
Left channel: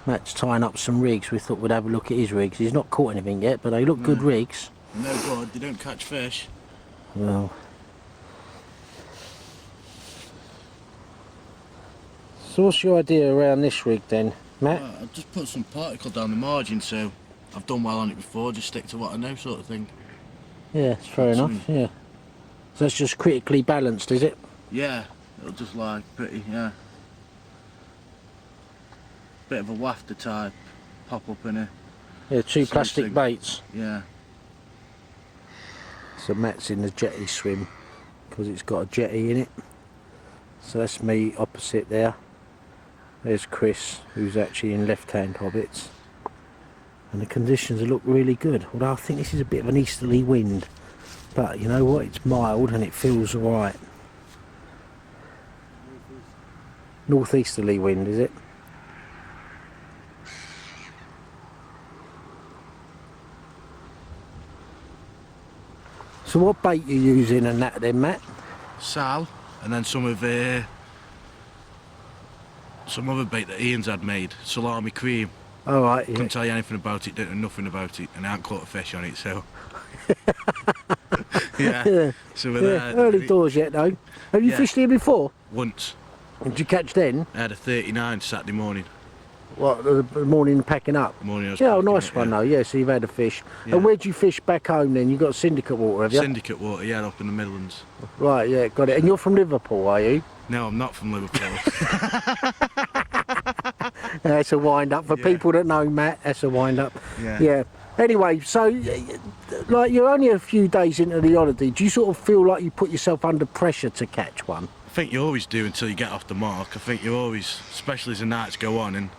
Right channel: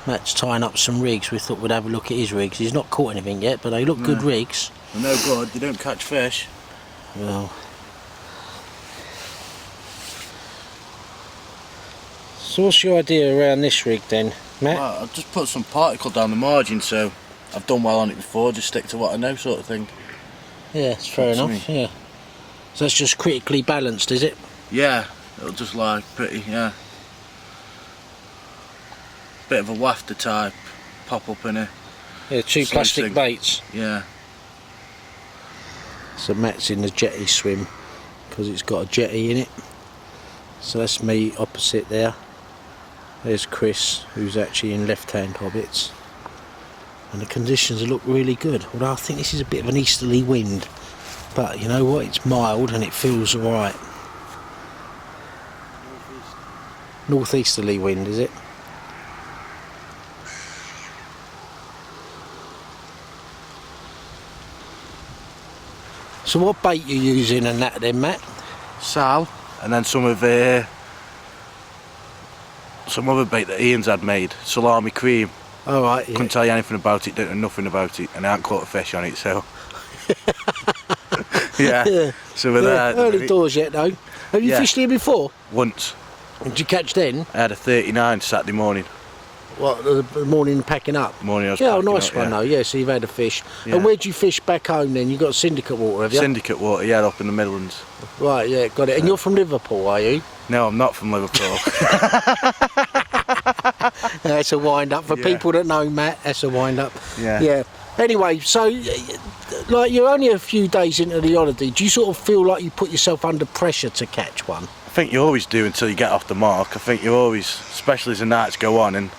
Matt's tying up some rigs. We thought we'd have a look at his rigs. He's not caught anything yet, but they look good rigs. They're no good, they don't catch fish. Yeah. So what's your idea around this rig then, Matt? Well, I've just put some particle down the margin, so I've done well on it before, just stick to what I know, sort of thing. Yeah, it's fair That's enough, me. yeah. So that's just critically balanced, is it? Yeah, it'll just lie pretty, yeah. Bit of a wafter type, pop up in it. Yeah, two Same plastic thing. baits. Yeah. So Matt's in the jetty swim because it's got a jetty in it. So that's me opposite there. There's Chris, who's actually in left-hand hobbits. And the conditions look really good. Although I think this is a bit of an easterly wind. But you know what, it's mild and it feels alright. Northeasterly wind, is it? So what bait you using and that then, Matt? Sal, and then some other bait that Ian's had made, salami cream. Alright, yeah. Couldn't tell you anything about it, don't know nothing about it, and I haven't caught a fish on it, so. yeah. Yeah. So we're there. at the Early minute. doors yet though. Have you Yeah. fished here before? Once. Did you catch then? I had a 39 Saturday morning. What, the morning packing up? Morning I was Yeah, packing nice up, one yeah. though, yeah, so you've had a fish. Yeah. And where'd you fish back home then? You got syndicate water, have you? Syndicate water, yeah, up in the Midlands. Right, yeah, got it. And you're from Liverpool, are you? No, I'm not from Liverpool. That's a wind up. For Yeah. people that know Matt, that's a wind up. Yeah. Yeah. Anyway, so, like, you're only a few days into the holiday. Do you sort of feel like you put yourself under pressure to catch one? I think you always do until you get off the mark. I think you always, especially as the nights go on,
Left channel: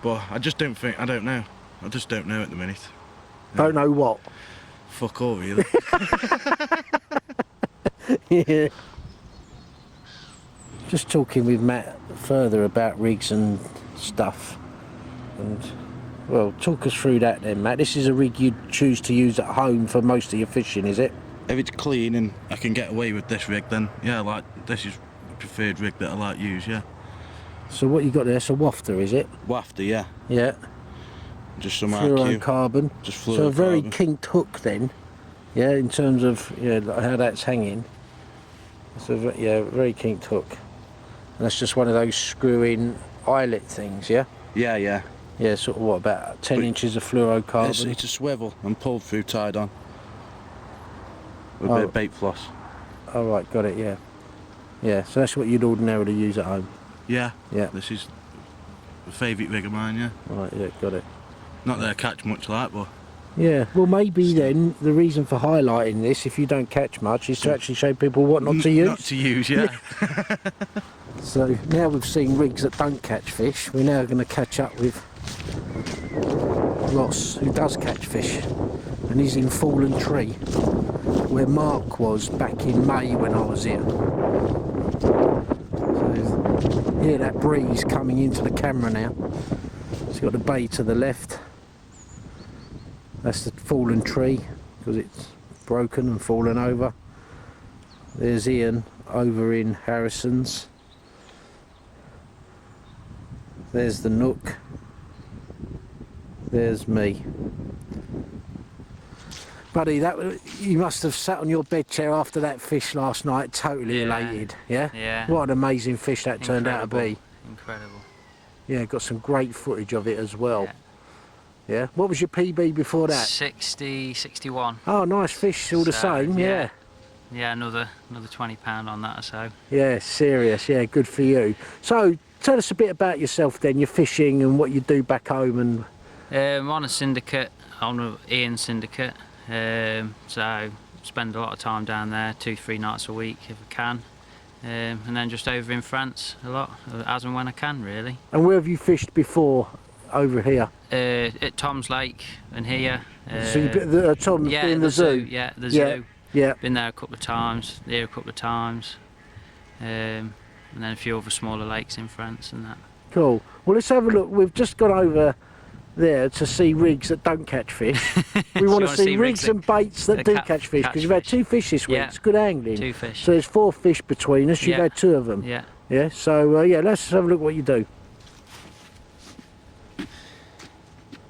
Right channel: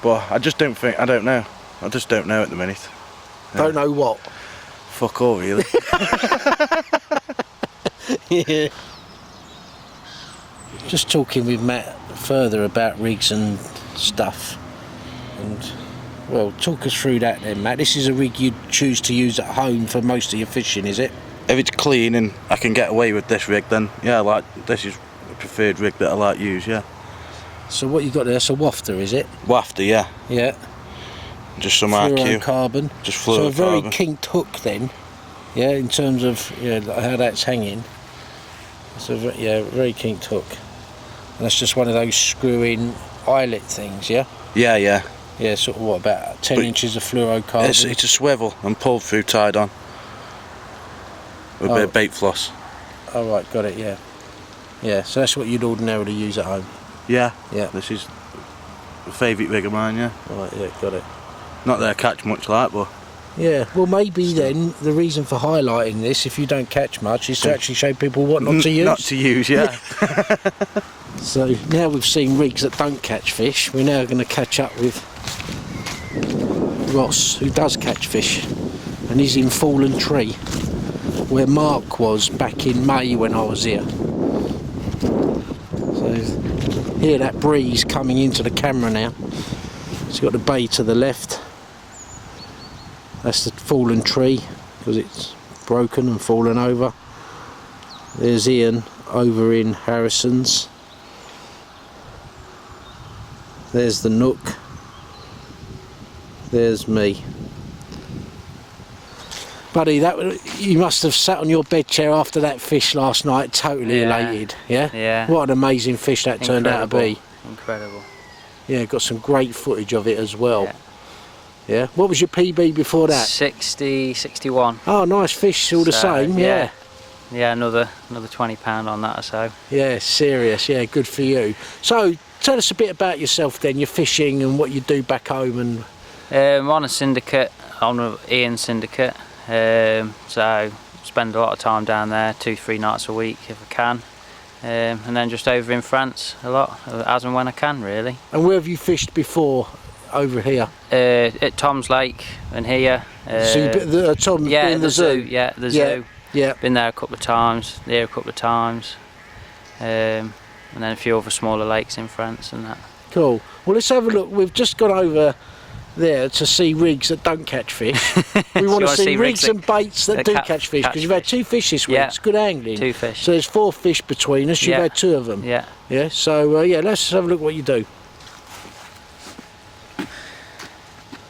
but I just don't think, I don't know. I just don't know at the minute. Don't know what. Fuck all, really. Yeah. Just talking with Matt further about rigs and stuff. And, well, talk us through that then, Matt. This is a rig you'd choose to use at home for most of your fishing, is it? If it's clean and I can get away with this rig, then yeah, this is a preferred rig that I like to use, yeah. So what you got there, that's a wafter, is it? Wafter, yeah. Yeah. Just some RQ. Fluorocarbon. Just So a very fluorocarbon. kinked hook then, yeah, in terms of like how that's hanging. So yeah, very kinked hook. And that's just one of those screw-in eyelet things, yeah? Yeah, yeah. Yeah, sort of what, about 10 But inches of fluorocarbon? It's a swivel and pulled through tied on. With a bit of bait floss. Oh right, got it, yeah. Yeah, so that's what you'd ordinarily use at home. Yeah. Yeah. This is a favourite rig of mine, yeah. Right, yeah, got it. Not that I catch much like, but Yeah, well maybe then the reason for highlighting this, if you don't catch much, is to actually show people what not to use. Not to use, yeah. So now we've seen rigs that don't catch fish, we're now going to catch up with Ross, who does catch fish, and he's in Fallen Tree, where Mark was back in May when I was here. So hear that breeze coming into the camera now. It's got the bay to the left. That's the Fallen Tree, because it's broken and fallen over. There's Ian over in Harrison's. There's the nook. There's me. Buddy, you must have sat on your bed chair after that fish last night, totally elated. Yeah? Yeah. What an amazing fish that turned out to be. Incredible. Yeah, got some great footage of it as well. Yeah. Yeah. What was your PB before that? 60, 61. Oh, nice fish, all the same. Yeah. Yeah, another £20 on that or so. Yeah, serious. Yeah, good for you. So, tell us a bit about yourself then, your fishing and what you do back home. And I'm on a syndicate, on an Ian syndicate. So, spend a lot of time down there, 2-3 nights a week if I can. And then just over in France a lot, as and when I can, really. And where have you fished before over here? At Tom's Lake and here. Tom, yeah, the zoo. Yeah, the zoo. Yeah. Been there a couple of times, here a couple of times. And then a few other smaller lakes in France and that. Cool. Well, let's have a look. We've just gone over there to see rigs that don't catch fish. We want to see rigs and baits that do catch fish, because you've had 2 fish this week. Yeah. It's good angling. 2 fish. So there's 4 fish between us. You've had 2 of them. Yeah. Yeah. So yeah, let's have a look what you do.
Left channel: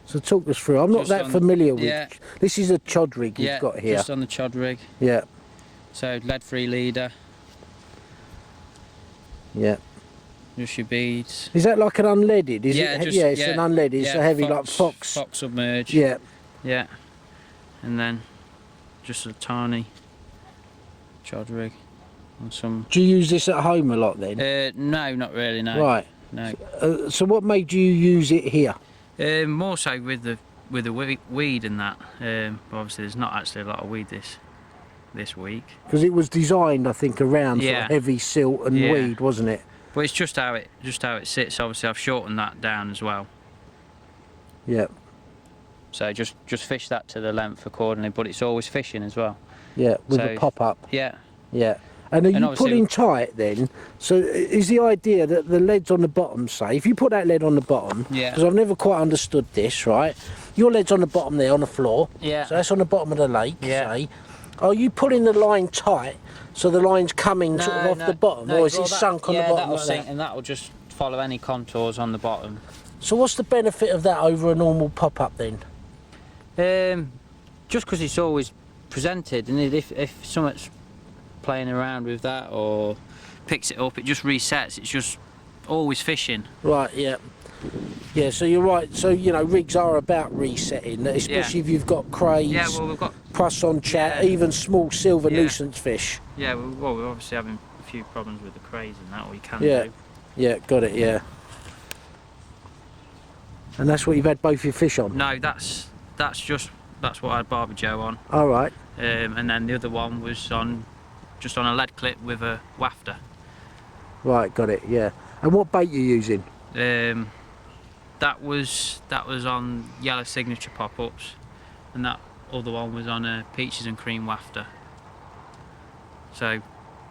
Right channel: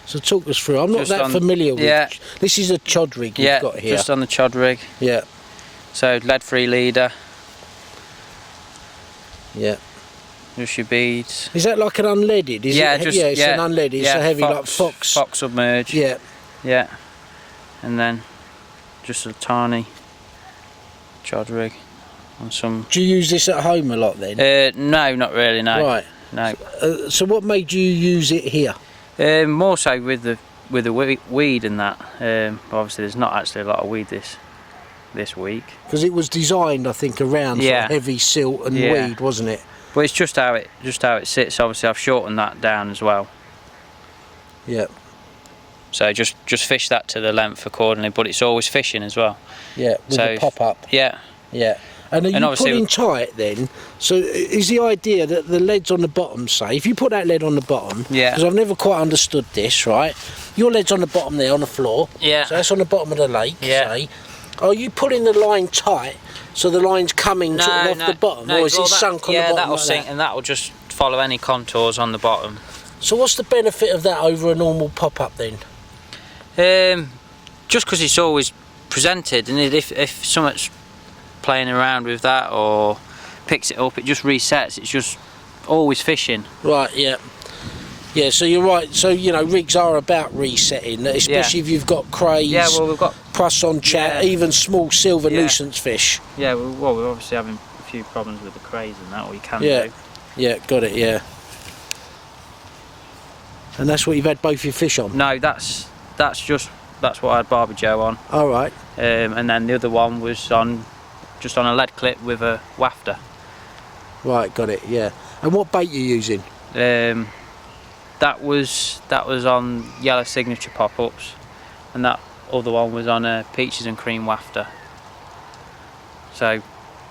So talk us through. I'm not Just that familiar with. Yeah. This is a chod rig you've got here. Just on the chod rig. Yeah. So lead-free leader. Yeah. Just your beads. Is that like an unleaded? Is Yeah, it, just it's an unleaded. It's a heavy like fox. Fox submerged. Yeah. Yeah. And then just a tiny chod rig on some. Do you use this at home a lot then? No, not really. No. Right. No. So what made you use it here? More so with the weed and that. Obviously, there's not actually a lot of weed this week. Because it was designed, I think, around sort of heavy silt and weed, wasn't it? But it's just how it sits. Obviously, I've shortened that down as well. Yeah. So just fish that to the length accordingly, but it's always fishing as well. Yeah, with a pop up. Yeah. Yeah. And are you pulling tight then? So is the idea that the lead's on the bottom, say, if you put that lead on the bottom, because I've never quite understood this, right? Your lead's on the bottom there on the floor. Yeah. So that's on the bottom of the lake, say. Are you pulling the line tight so the line's coming sort of off the bottom? Or is it sunk on the bottom? Yeah, that'll sink and that'll just follow any contours on the bottom. So what's the benefit of that over a normal pop-up then? Just because it's always presented, and if something's playing around with that or picks it up, it just resets. It's just always fishing. Right, yeah. Yeah, so you're right. So, you know, rigs are about resetting, especially if you've got crays, yeah, well, we've got on chat, even small silver nuisance fish. Yeah, well, we're obviously having a few problems with the crays and that, or you can do. Yeah, got it, yeah. And that's what you've had both your fish on? No, that's what I had Barbie Joe on. All right. And then the other one was just on a lead clip with a wafter. Right, got it, yeah. And what bait you using? That was on yellow signature pop-ups, and that other one was on a peaches and cream wafter. So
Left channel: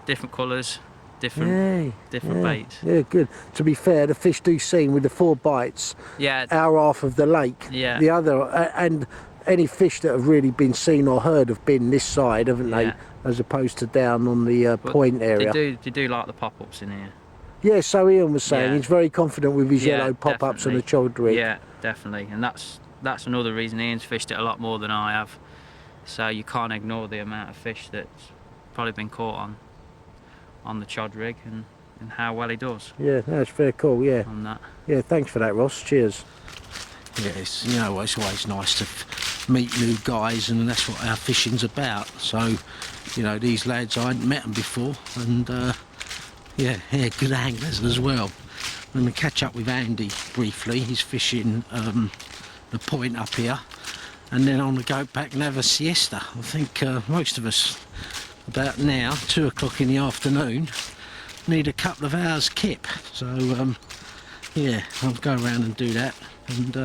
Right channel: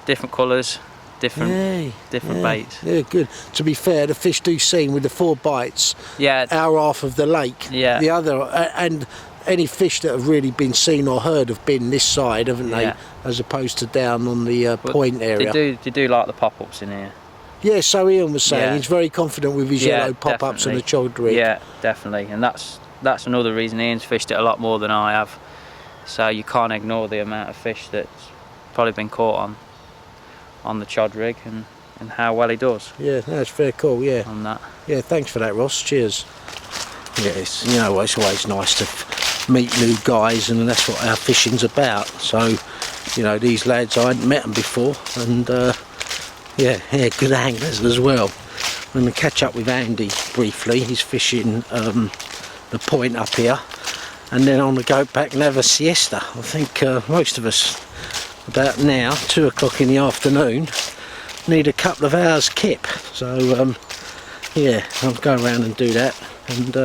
different colours, different baits. Yeah, good. To be fair, the fish do seem with the 4 bites. Yeah. Our half of the lake. Yeah. The other, and any fish that have really been seen or heard have been this side, haven't they? Yeah. As opposed to down on the point area. They do like the pop-ups in here. Yeah, so Ian was saying he's very confident with his yellow pop-ups on the chod rig. Yeah, definitely, and that's another reason Ian's fished it a lot more than I have. So you can't ignore the amount of fish that's probably been caught on the chod rig and how well he does. Yeah, that's very cool. Yeah. On that. Yeah, thanks for that, Ross. Cheers. Yeah, it's always nice to meet new guys, and that's what our fishing's about. So, you know, these lads, I hadn't met them before, and yeah, good anglers as well. I'm going to catch up with Andy briefly. He's fishing the point up here, and then I'm going to go back and have a siesta. I think most of us, about now, 2 o'clock in the afternoon, need a couple of hours kip. So, yeah, I'll go around and do that. And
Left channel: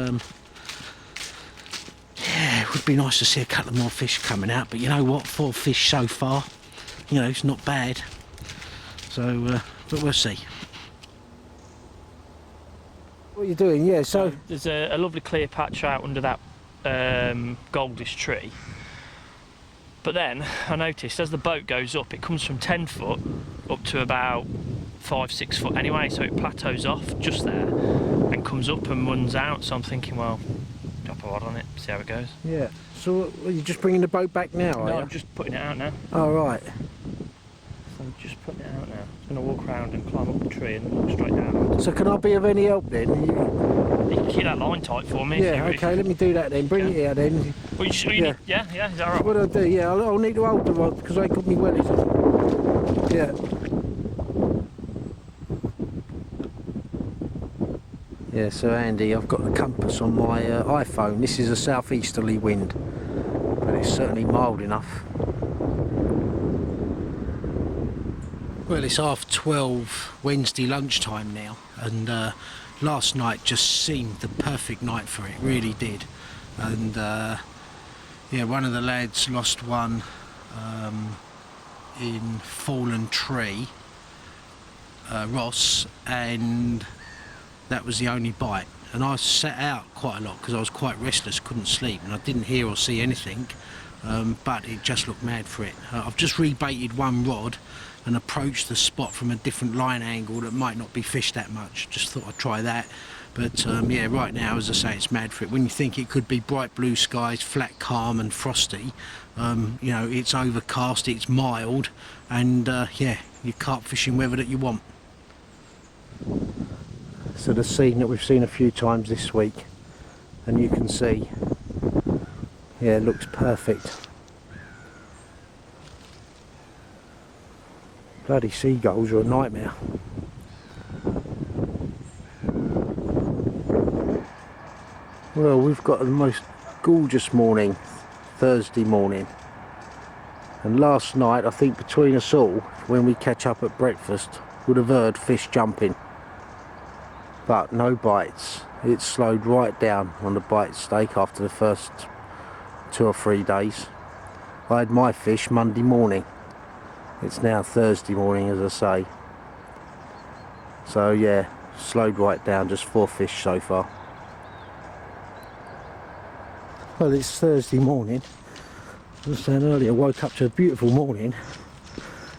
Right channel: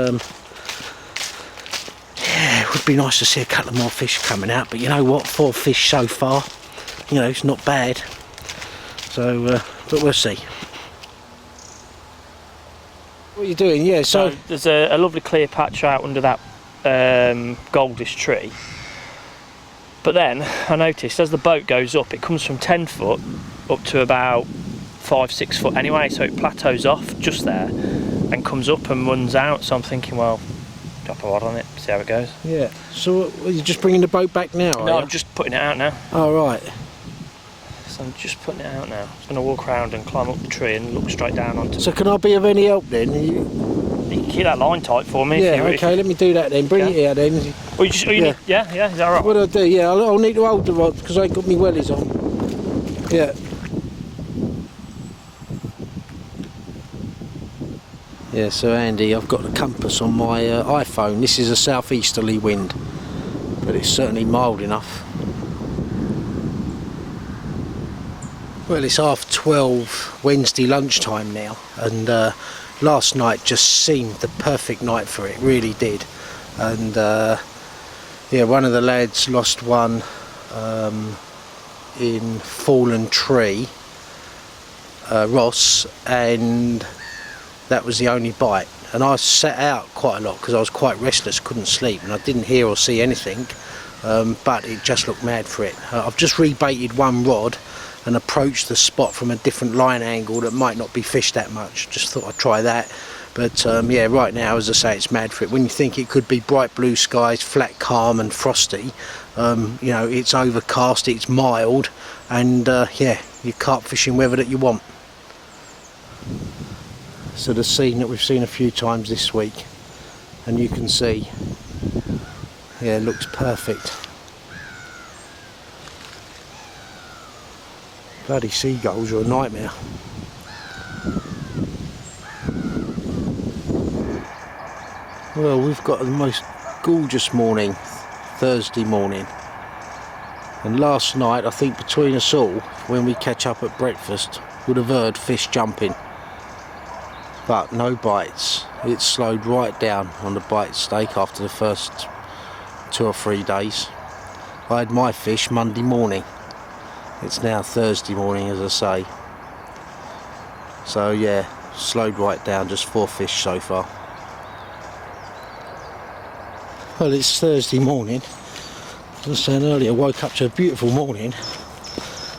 yeah, it would be nice to see a couple more fish coming out, but you know what, 4 fish so far, you know, it's not bad. So, but we'll see. What are you doing? Yeah, so there's a lovely clear patch out under that goldish tree. But then I noticed as the boat goes up, it comes from 10 foot up to about 5-6 foot anyway, so it plateaus off just there. and comes up and runs out. So I'm thinking, well, drop a rod on it, see how it goes. Yeah. So are you just bringing the boat back now? No, I'm just putting it out now. Oh, right. So I'm just putting it out now. I'm going to walk around and climb up the tree and look straight down onto it. So can I be of any help then? You can keep that line tight for me. Yeah, if you, okay, let me do that then. Bring it here then. Well, you just, you need, yeah, is that alright? What do I do? Yeah, I'll need to hold the rod because I ain't got my wellies on. Yeah. Yeah, so Andy, I've got a compass on my iPhone. This is a southeasterly wind, but it's certainly mild enough. Well, it's 12:30 Wednesday lunchtime now, and last night just seemed the perfect night for it, really did. And yeah, one of the lads lost one in fallen tree, Ross, and that was the only bite. And I sat out quite a lot because I was quite restless, couldn't sleep, and I didn't hear or see anything, but it just looked mad for it. I've just rebaited one rod and approached the spot from a different line angle that might not be fished that much. Just thought I'd try that. But yeah, right now, as I say, it's mad for it. When you think it could be bright blue skies, flat calm and frosty, you know, it's overcast, it's mild, and yeah, you're carp fishing weather that you want. So the scene that we've seen a few times this week, and you can see, yeah, it looks perfect. Bloody seagulls are a nightmare. Well, we've got the most gorgeous morning, Thursday morning. And last night, I think between us all, when we catch up at breakfast, we'd have heard fish jumping. But no bites. It slowed right down on the bite stake after the first 2 or 3 days. I had my fish Monday morning. It's now Thursday morning, as I say. So yeah, slowed right down, just 4 fish so far. Well, it's Thursday morning. As I was saying earlier, woke up to a beautiful morning,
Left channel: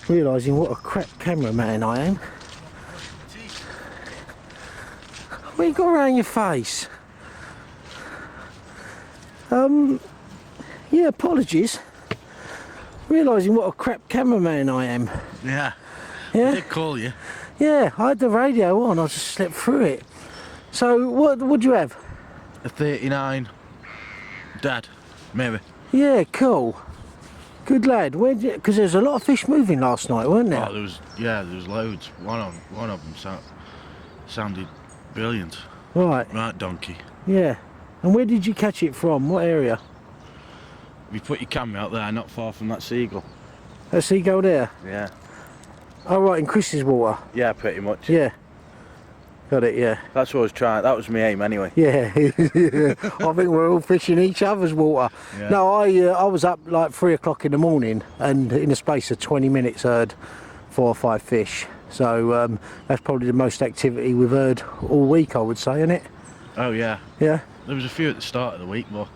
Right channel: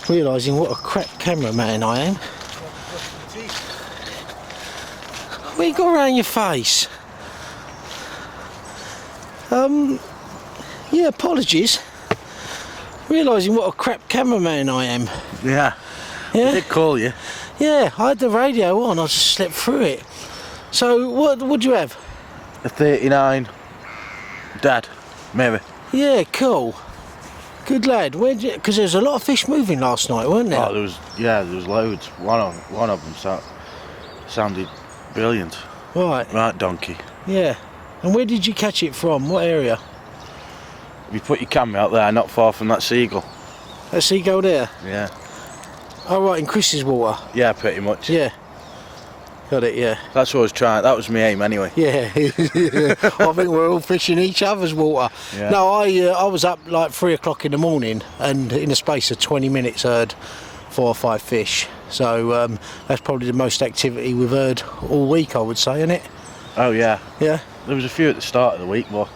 realising what a crap cameraman I am. What you got around your face? Yeah, apologies. Realising what a crap cameraman I am. Yeah. Yeah? I did call you. Yeah, I had the radio on, I just slept through it. So, what would you have? A 39. Dad. Maybe. Yeah, cool. Good lad. Because there was a lot of fish moving last night, weren't there? Oh, there was loads. One of them sounded brilliant. Right. Right, donkey. Yeah. And where did you catch it from? What area? You put your camera out there, not far from that seagull. That seagull there? Yeah. Oh, right, in Chris's water? Yeah, pretty much. Yeah. Got it, yeah. That's what I was trying. That was my aim, anyway. Yeah. I think we're all fishing each other's water. Yeah. No, I was up like 3 o'clock in the morning, and in the space of 20 minutes heard 4 or 5 fish. So that's probably the most activity we've heard all week, I would say, isn't it? Oh, yeah. Yeah. There was a few at the start of the week, but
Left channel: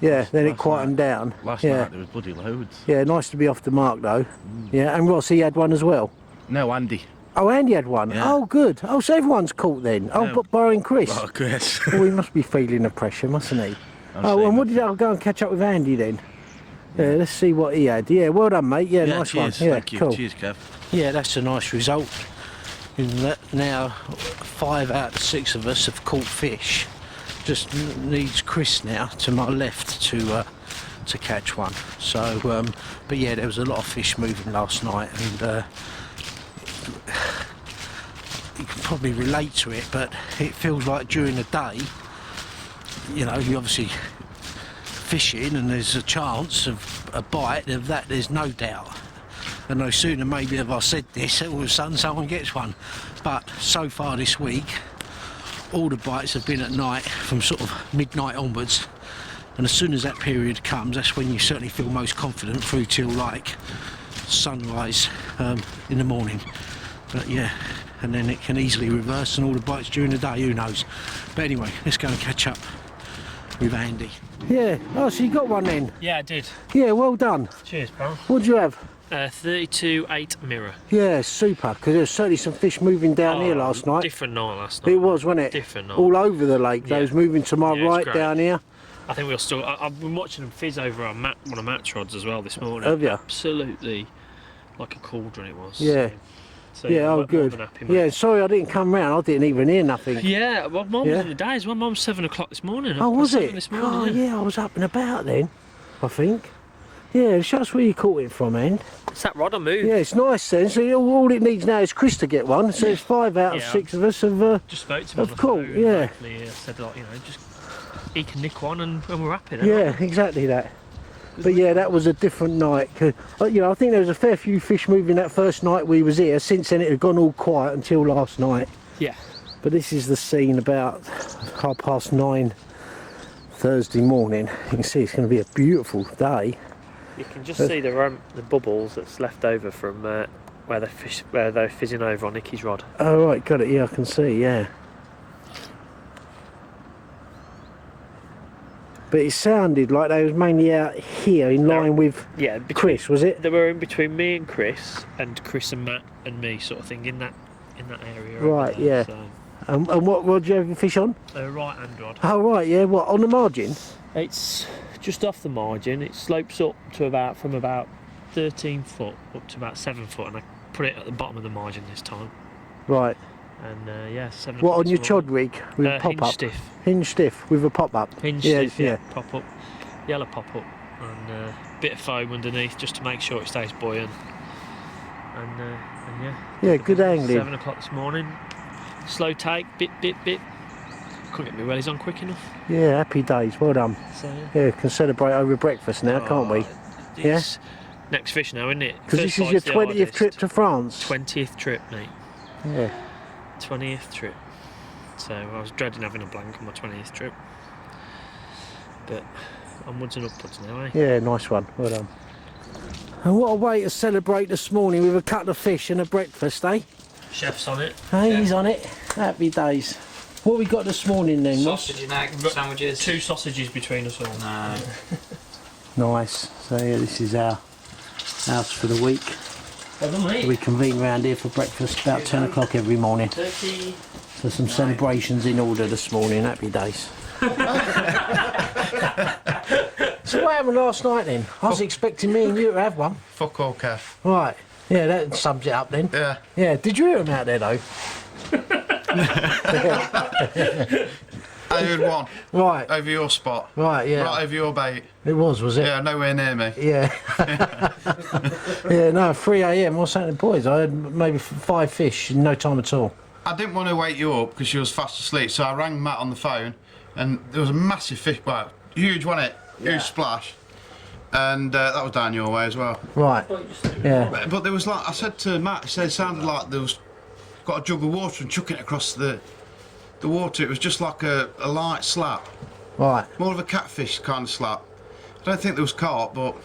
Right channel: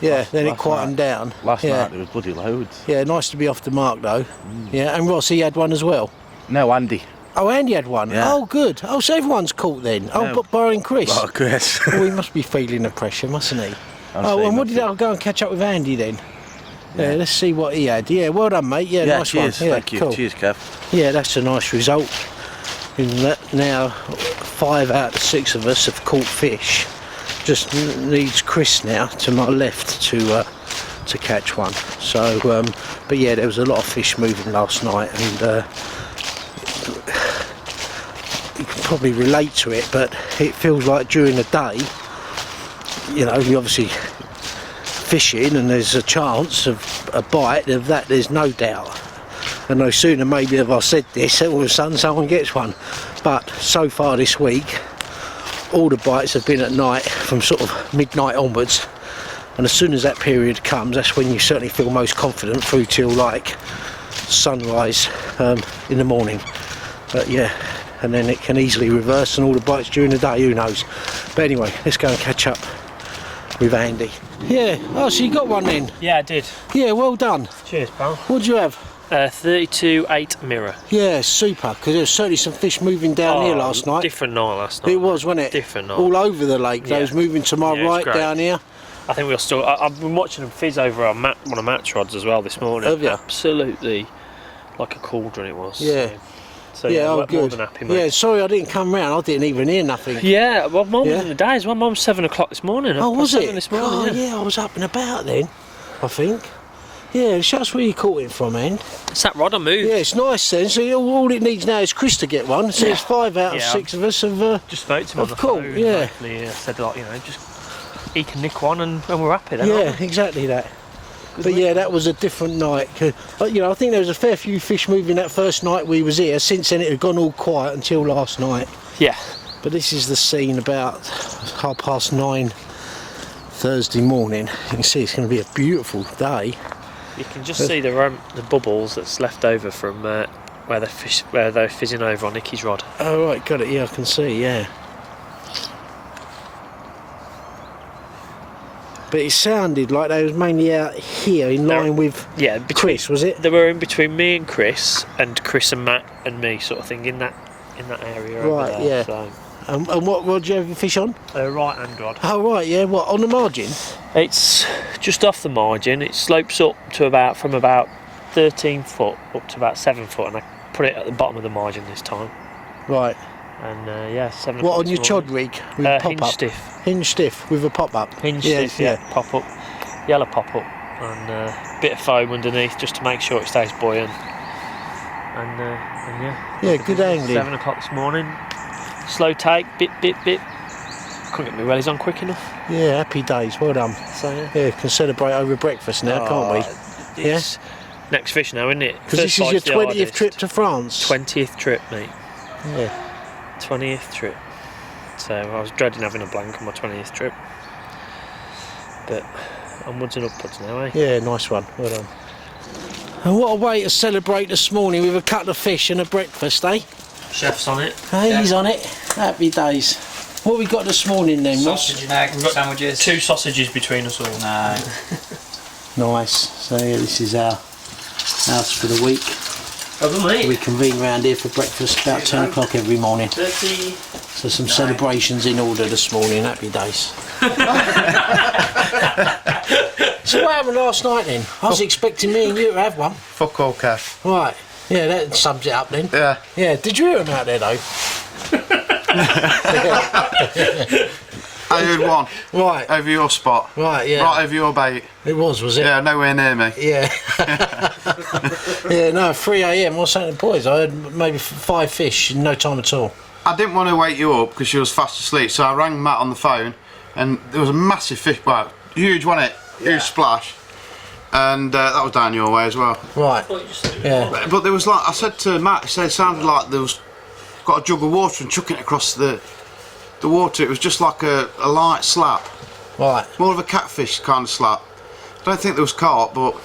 yeah, then it last quietened down. last yeah. night there was bloody loads. Yeah, nice to be off the mark though. Yeah, and Ross, he had one as well. No, Andy. Oh, Andy had one. Yeah. Oh, good. Oh, so everyone's caught then. Oh, No. but barring Chris. Oh, Chris. Oh, he must be feeling the pressure, mustn't he? I'm Oh, saying and what did nothing. I go and catch up with Andy then? Yeah, Yeah. let's see what he had. Yeah, well done, mate. Yeah, Yeah, nice cheers. one. Yeah, Thank you. cool. Cheers, Kev. Yeah, that's a nice result. In that now 5 out of 6 of us have caught fish. Just needs Chris now to my left to catch one. So, but yeah, there was a lot of fish moving last night, and you can probably relate to it. But it feels like during the day, you know, you obviously fishing, and there's a chance of a bite. Of that, there's no doubt. And no sooner maybe have I said this, all of a sudden someone gets one. But so far this week, all the bites have been at night from sort of midnight onwards. And as soon as that period comes, that's when you certainly feel most confident through till like sunrise in the morning. But yeah, and then it can easily reverse and all the bites during the day, who knows. But anyway, let's go and catch up with Andy. Yeah, oh, so you got one then? Yeah, I did. Yeah, well done. Cheers, pal. What'd you have? 32.8 mirror. Yeah, super, because there was certainly some fish moving down here last night. Different night last night. It was, wasn't it? Different night. All over the lake. They was moving to my Yeah, it's right great. down here. I think we'll still. I've been watching them fizz over on one of Matt's rods as well this morning. Have you? Absolutely, like a cauldron it was. Yeah. So yeah, oh, more good. than happy, mate. Yeah, sorry I didn't come round. I didn't even hear nothing. Yeah, well, Mum was Yeah. in the days. Well, Mum's 7 o'clock this morning. Oh, Half was past it? 7 this morning. Oh, yeah. I was up and about then, I think. Yeah, that's where you caught it from, man. It's that rod I moved. Yeah, it's nice then. So all it needs now is Chris to get one. So it's 5 out of Yeah, 6 of us have. Just spoke to him on the cool, phone. yeah. And hopefully, said like, just he can nick one and we're happy then. Yeah, Aren't we? exactly that. But yeah, that was a different night. But I think there was a fair few fish moving that first night we was here. Since then, it had gone all quiet until last night. Yeah. But this is the scene about 9:30 Thursday morning. You can see it's going to be a beautiful day. You can just see the bubbles that's left over from where they're fizzing over on Nicky's rod. Oh right, got it. Yeah, I can see. Yeah. But it sounded like they was mainly out here in line with Chris, was it? They were in between me and Chris and Matt and me, sort of thing, in that area over Right, there. yeah. So. And what rod did you have a fish on? Right hand rod. Oh right, yeah. What, on the margin? It's just off the margin. It slopes up to from about 13 foot up to about 7 foot, and I put it at the bottom of the margin this time. Right. And 7 What, o'clock on this your chod morning. rig? With a Hinge pop-up? stiff. Hinge stiff with a pop up. Hinge stiff, yeah. Pop up, yellow pop up, and a bit of foam underneath just to make sure it stays buoyant. And yeah. Yeah, good angling. 7 o'clock this morning. Slow take, bit. Couldn't get my wellies on quick enough. Yeah, happy days. Well done. So yeah. Yeah, can celebrate over breakfast now, can't we? It's next fish now, isn't it? Because this is your 20th trip to France. 20th trip, mate. Yeah. 20th trip. So I was dreading having a blank on my 20th trip. But onwards and upwards now, eh? Yeah, nice one. Well done. And what a way to celebrate this morning with a couple of fish and a breakfast, eh? Chef's on it. Hey, he's on it. Happy days. What we got this morning then, Ross? Sausage and egg sandwiches. 2 sausages between us all. No. Nice. So yeah, this is our house for the week. Over, mate. We convene round here for breakfast about 10 o'clock every morning. 30. So some celebrations in order this morning. Happy days. So what happened last night then? I was expecting me and you to have one. Fuck all, Kev. Right. Yeah, that sums it up then. Yeah. Yeah. Did you hear him out there though? I heard one. Right. Over your spot. Right. Yeah. Right over your bait. It was it? Yeah, nowhere near me. Yeah. Yeah. No. 3 a.m. I was saying to the boys, I had maybe 5 fish in no time at all. I didn't want to wake you up because you was fast asleep, so I rang Matt on the phone, and there was a massive fish. Well, huge, wasn't it? Huge splash. And that was down your way as well. Right. Yeah. But there was like, I said to Matt, he said it sounded like there was got a jug of water and chucking it across the water. It was just like a light slap. Right. More of a catfish kind of slap. I don't think there was carp, but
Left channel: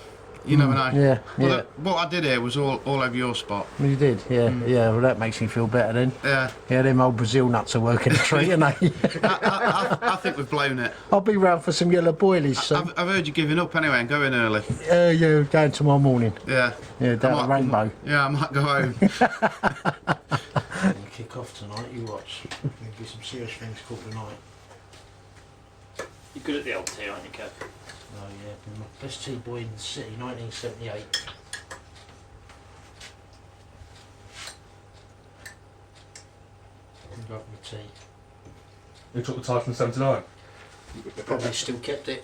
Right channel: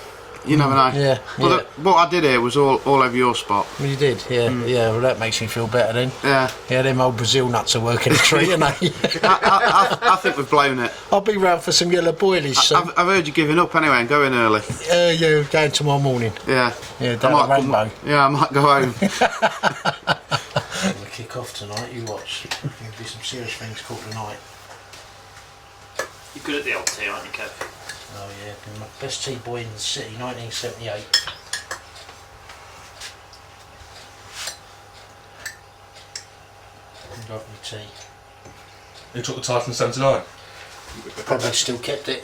you never know. Yeah. But what I did here was all over your spot. Well, you did, yeah. Yeah, well that makes me feel better then. Yeah. Yeah, them old Brazil nuts are working a treat, aren't they? I think we've blown it. I'll be round for some yellow boilies soon. I've heard you giving up anyway and going early. Yeah, going tomorrow morning. Yeah. Yeah, down at Rainbow. Yeah, I might go home. We'll kick off tonight, you watch. There'll be some serious things called tonight. You're good at the old tea, aren't you, Kev? Oh yeah, been my best tea boy in the city, 1978. Lovely tea. You took the title in 79? Probably still kept it.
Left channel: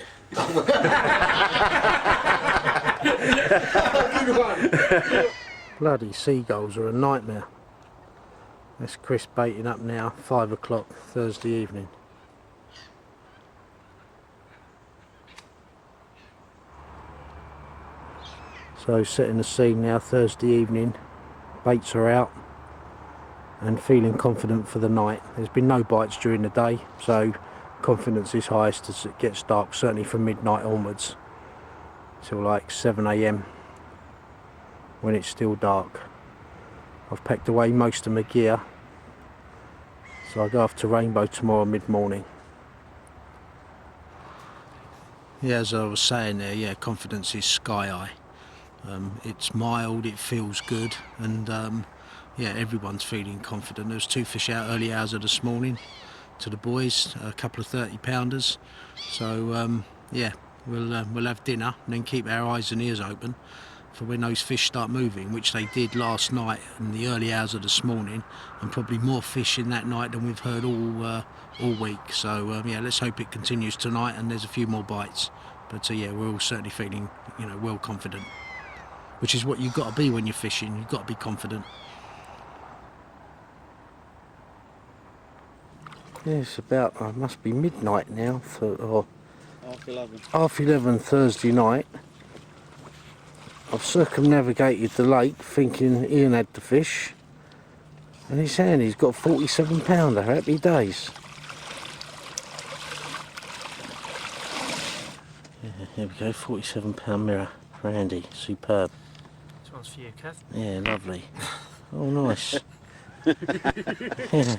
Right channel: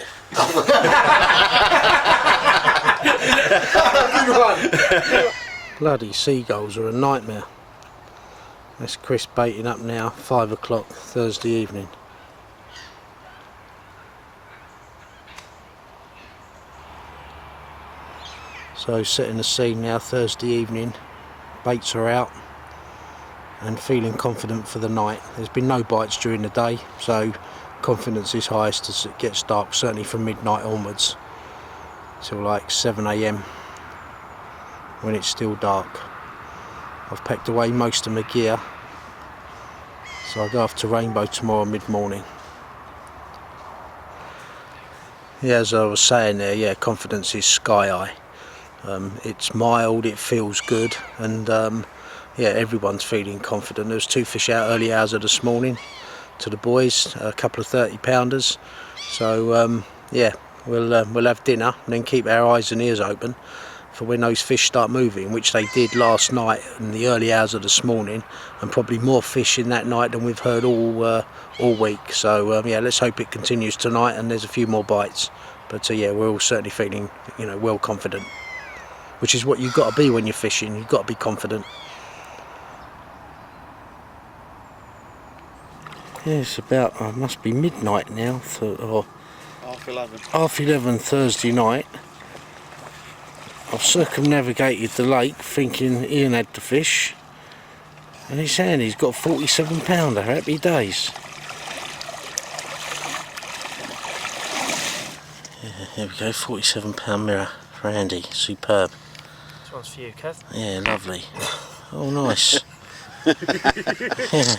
Bloody seagulls are a nightmare. That's Chris baiting up now, 5 o'clock Thursday evening. So setting the scene now, Thursday evening, baits are out and feeling confident for the night. There's been no bites during the day, so confidence is highest as it gets dark, certainly from midnight onwards, till like 7 a.m. when it's still dark. I've packed away most of my gear, so I'll go off to Rainbow tomorrow mid-morning. Yeah, as I was saying there, yeah, confidence is sky high. It's mild, it feels good, and yeah, everyone's feeling confident. There was 2 fish out early hours of this morning to the boys, a couple of 30-pounders. So yeah, we'll have dinner and then keep our eyes and ears open for when those fish start moving, which they did last night in the early hours of this morning, and probably more fish in that night than we've heard all week. So yeah, let's hope it continues tonight and there's a few more bites. But yeah, we're all certainly feeling, you know, well confident, which is what you've got to be when you're fishing. You've got to be confident. Yeah, it's about, must be midnight now, or half 11 Thursday night. I've circumnavigated the lake thinking Ian had the fish, and he's saying he's got a 47-pounder. Happy days. Yeah, here we go, 47-pound mirror for Andy, superb. This one's for you, Kev. Yeah, lovely. Oh, nice. Yeah.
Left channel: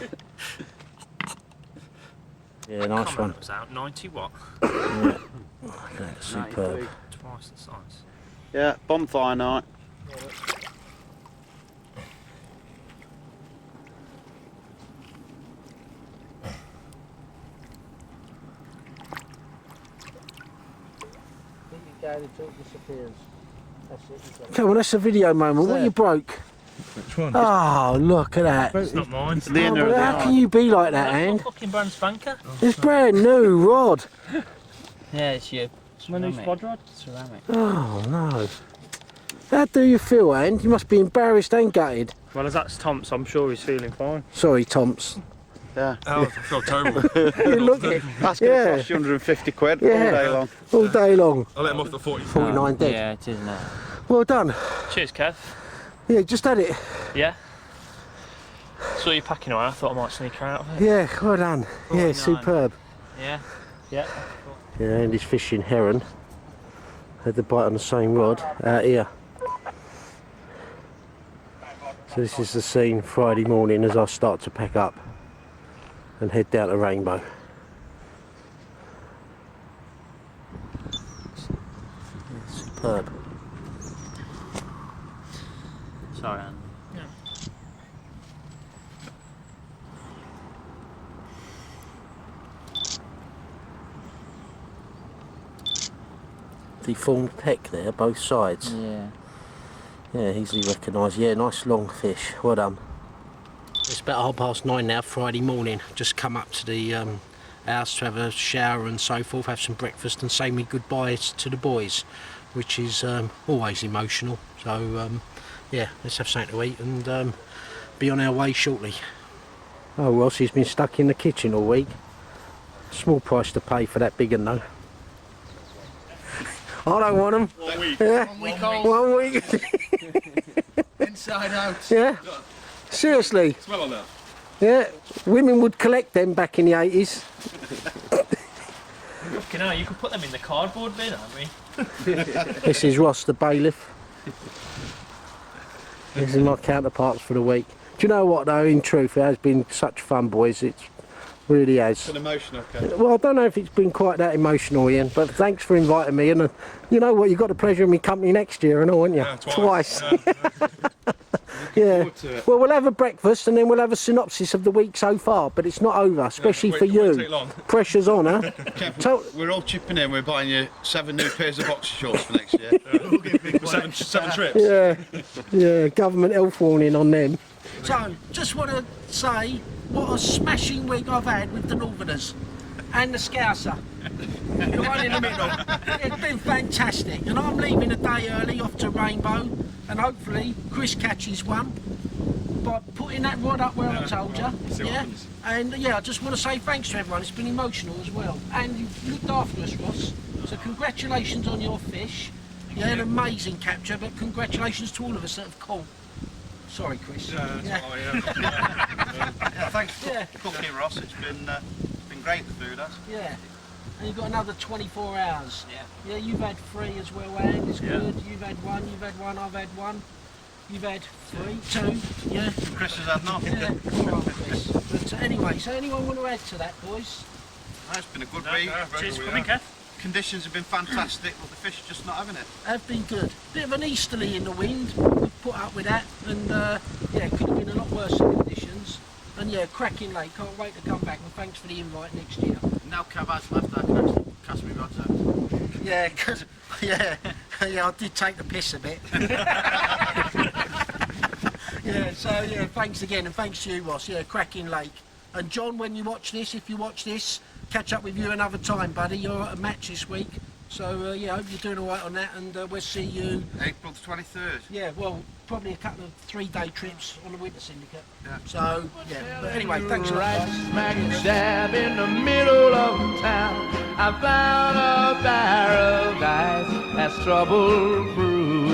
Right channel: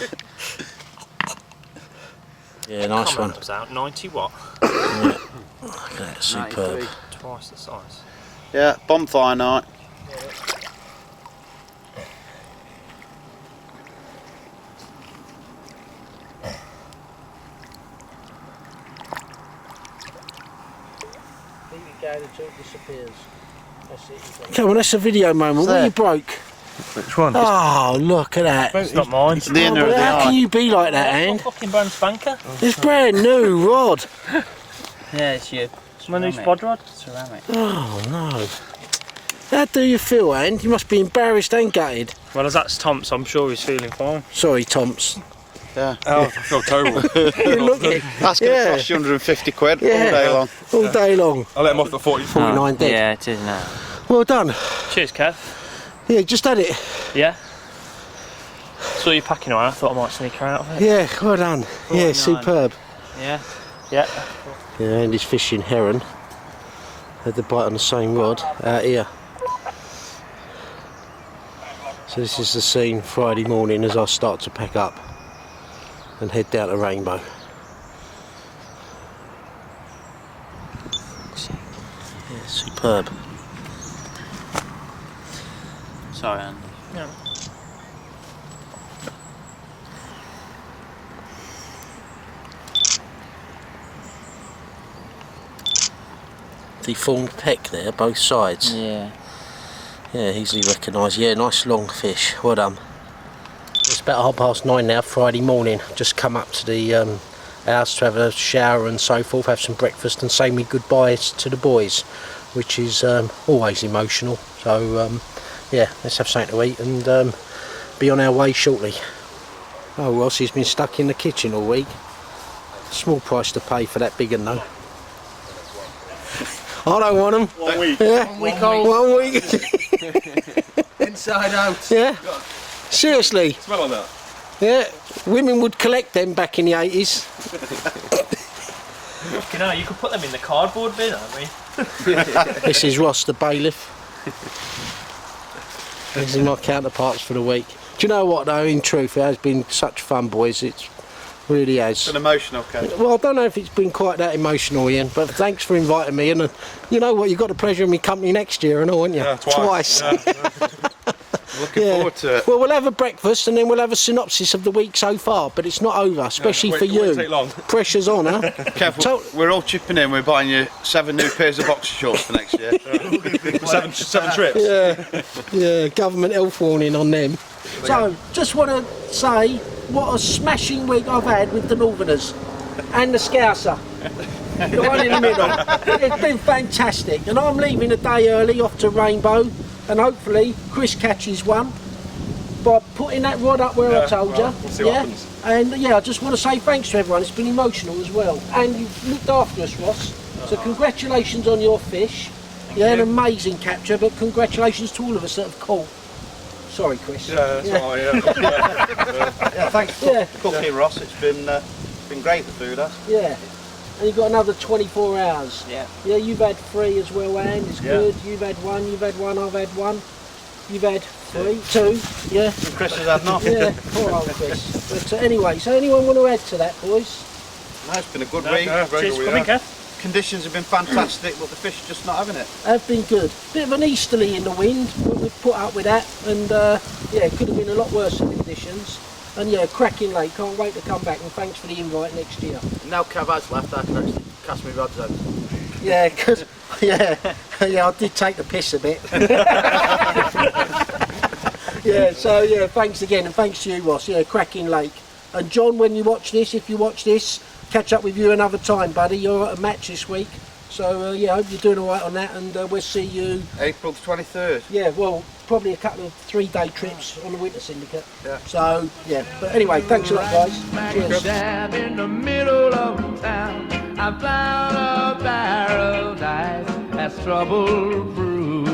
Yeah, nice Comment one. that was out, 90 watt. Yeah. Look at that, superb. Twice the size. Yeah, bonfire night. Come on, that's a video moment. What you broke? Which one? Oh, look at that. It's not mine. It's the end of the How can you be like that, That's my Anne? fucking brand spanker. It's brand new rod. Yeah, it's your My new spod rod. ceramic. Oh no. How do you feel, Anne? You must be embarrassed and gutted. Well, as that's Tom, so I'm sure he's feeling fine. Sorry, Tomps. Yeah. Oh, I feel terrible. I don't know what to do. That's going to Yeah. cost you 150 quid Yeah. all day long. All day long. I'll let him off at 40. 49 dead. Yeah, it is now. Well done. Cheers, Kev. Yeah, just had it. Yeah. Saw you packing away. I thought I might sneak her out of it. Yeah, well done. Yeah, 49. superb. Yeah. Yeah. Yeah, Andy's fishing heron. Had the bite on the same rod out here. So this is the scene Friday morning as I start to pack up and head down to Rainbow. Yeah, superb. Sorry, Andy. Yeah. Deformed peck there, both sides. Yeah. Yeah, easily recognised. Yeah, nice long fish. Well done. It's about 9:30 now, Friday morning. Just come up to the house to have a shower and so forth, have some breakfast and say me goodbyes to the boys, which is always emotional. So yeah, let's have something to eat and be on our way shortly. Oh, Ross, he's been stuck in the kitchen all week. Small price to pay for that big one though. I don't want them. 1 week. Yeah. 1 week old. 1 week. Inside out. Yeah. Seriously. Smell like that. Yeah. Women would collect them back in the 80s. Fucking hell, you could put them in the cardboard bin, I mean. This is Ross the bailiff. These are my counterparts for the week. Do you know what though, in truth, it has been such fun, boys. It really has. It's been emotional, Ken. Well, I don't know if it's been quite that emotional, Ian, but thanks for inviting me. And you know what, you've got the pleasure of me company next year and all, haven't you? Yeah, twice. Yeah. Looking forward to it. Well, we'll have a breakfast and then we'll have a synopsis of the week so far, but it's not over, especially for It won't you. take long. Pressure's on, huh? Kev, we're all chipping in. We're buying you 7 new pairs of boxer shorts for next year. Seven trips. Yeah, government health warning on them. So, just want to say what a smashing week I've had with the Northerners and the Scouser. The one in the middle. It's been fantastic. And I'm leaving a day early off to Rainbow, and hopefully Chris catches one by putting that rod up where I told you. Well, we'll see what happens. And yeah, I just want to say thanks to everyone. It's been emotional as well. And you've looked after us, Ross. So congratulations on your fish. An amazing capture, but congratulations to all of us that have caught. Sorry, Chris. Yeah, that's all right, Yeah, thanks for cooking, Ross. It's been great, the food has. Yeah. And you've got another 24 hours. Yeah. Yeah, you've had 3 as well, and it's good. You've had 1, I've had 1. You've had 2. Yeah. And Chris has had none. Yeah, poor old Chris. But anyway, so anyone want to add to that, boys? No, it's been a good Yeah, week. very Cheers good, for coming, yeah. Kev. conditions have been fantastic, but the fish are just not having it. Have been good. Bit of an easterly in the wind, but we've put up with that, and yeah, it could have been a lot worse in conditions. And yeah, cracking lake, can't wait to come back, and thanks for the invite next year. Now Cav has left, I can actually cast my rods out. Yeah, because, yeah, I did take the piss a bit. Yeah, so yeah, thanks again, and thanks to you, Ross. Yeah, cracking lake. And John, when you watch this, if you watch this, catch up with you another time, buddy. You're at a match this week. So yeah, I hope you're doing all right on that, and we'll see you... April the 23rd. Yeah, well, probably a couple of 3-day trips on the Winter Syndicate. Yeah. So, yeah, but anyway, thanks a lot, guys. Smack Cheers. dab in the middle of town, I found a paradise that's trouble proof.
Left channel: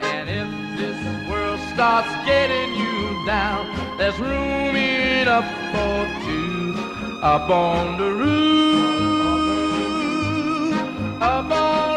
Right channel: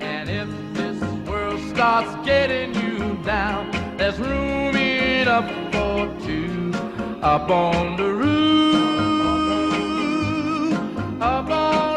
And if this world starts getting you down, there's room enough for two up on the roof, up on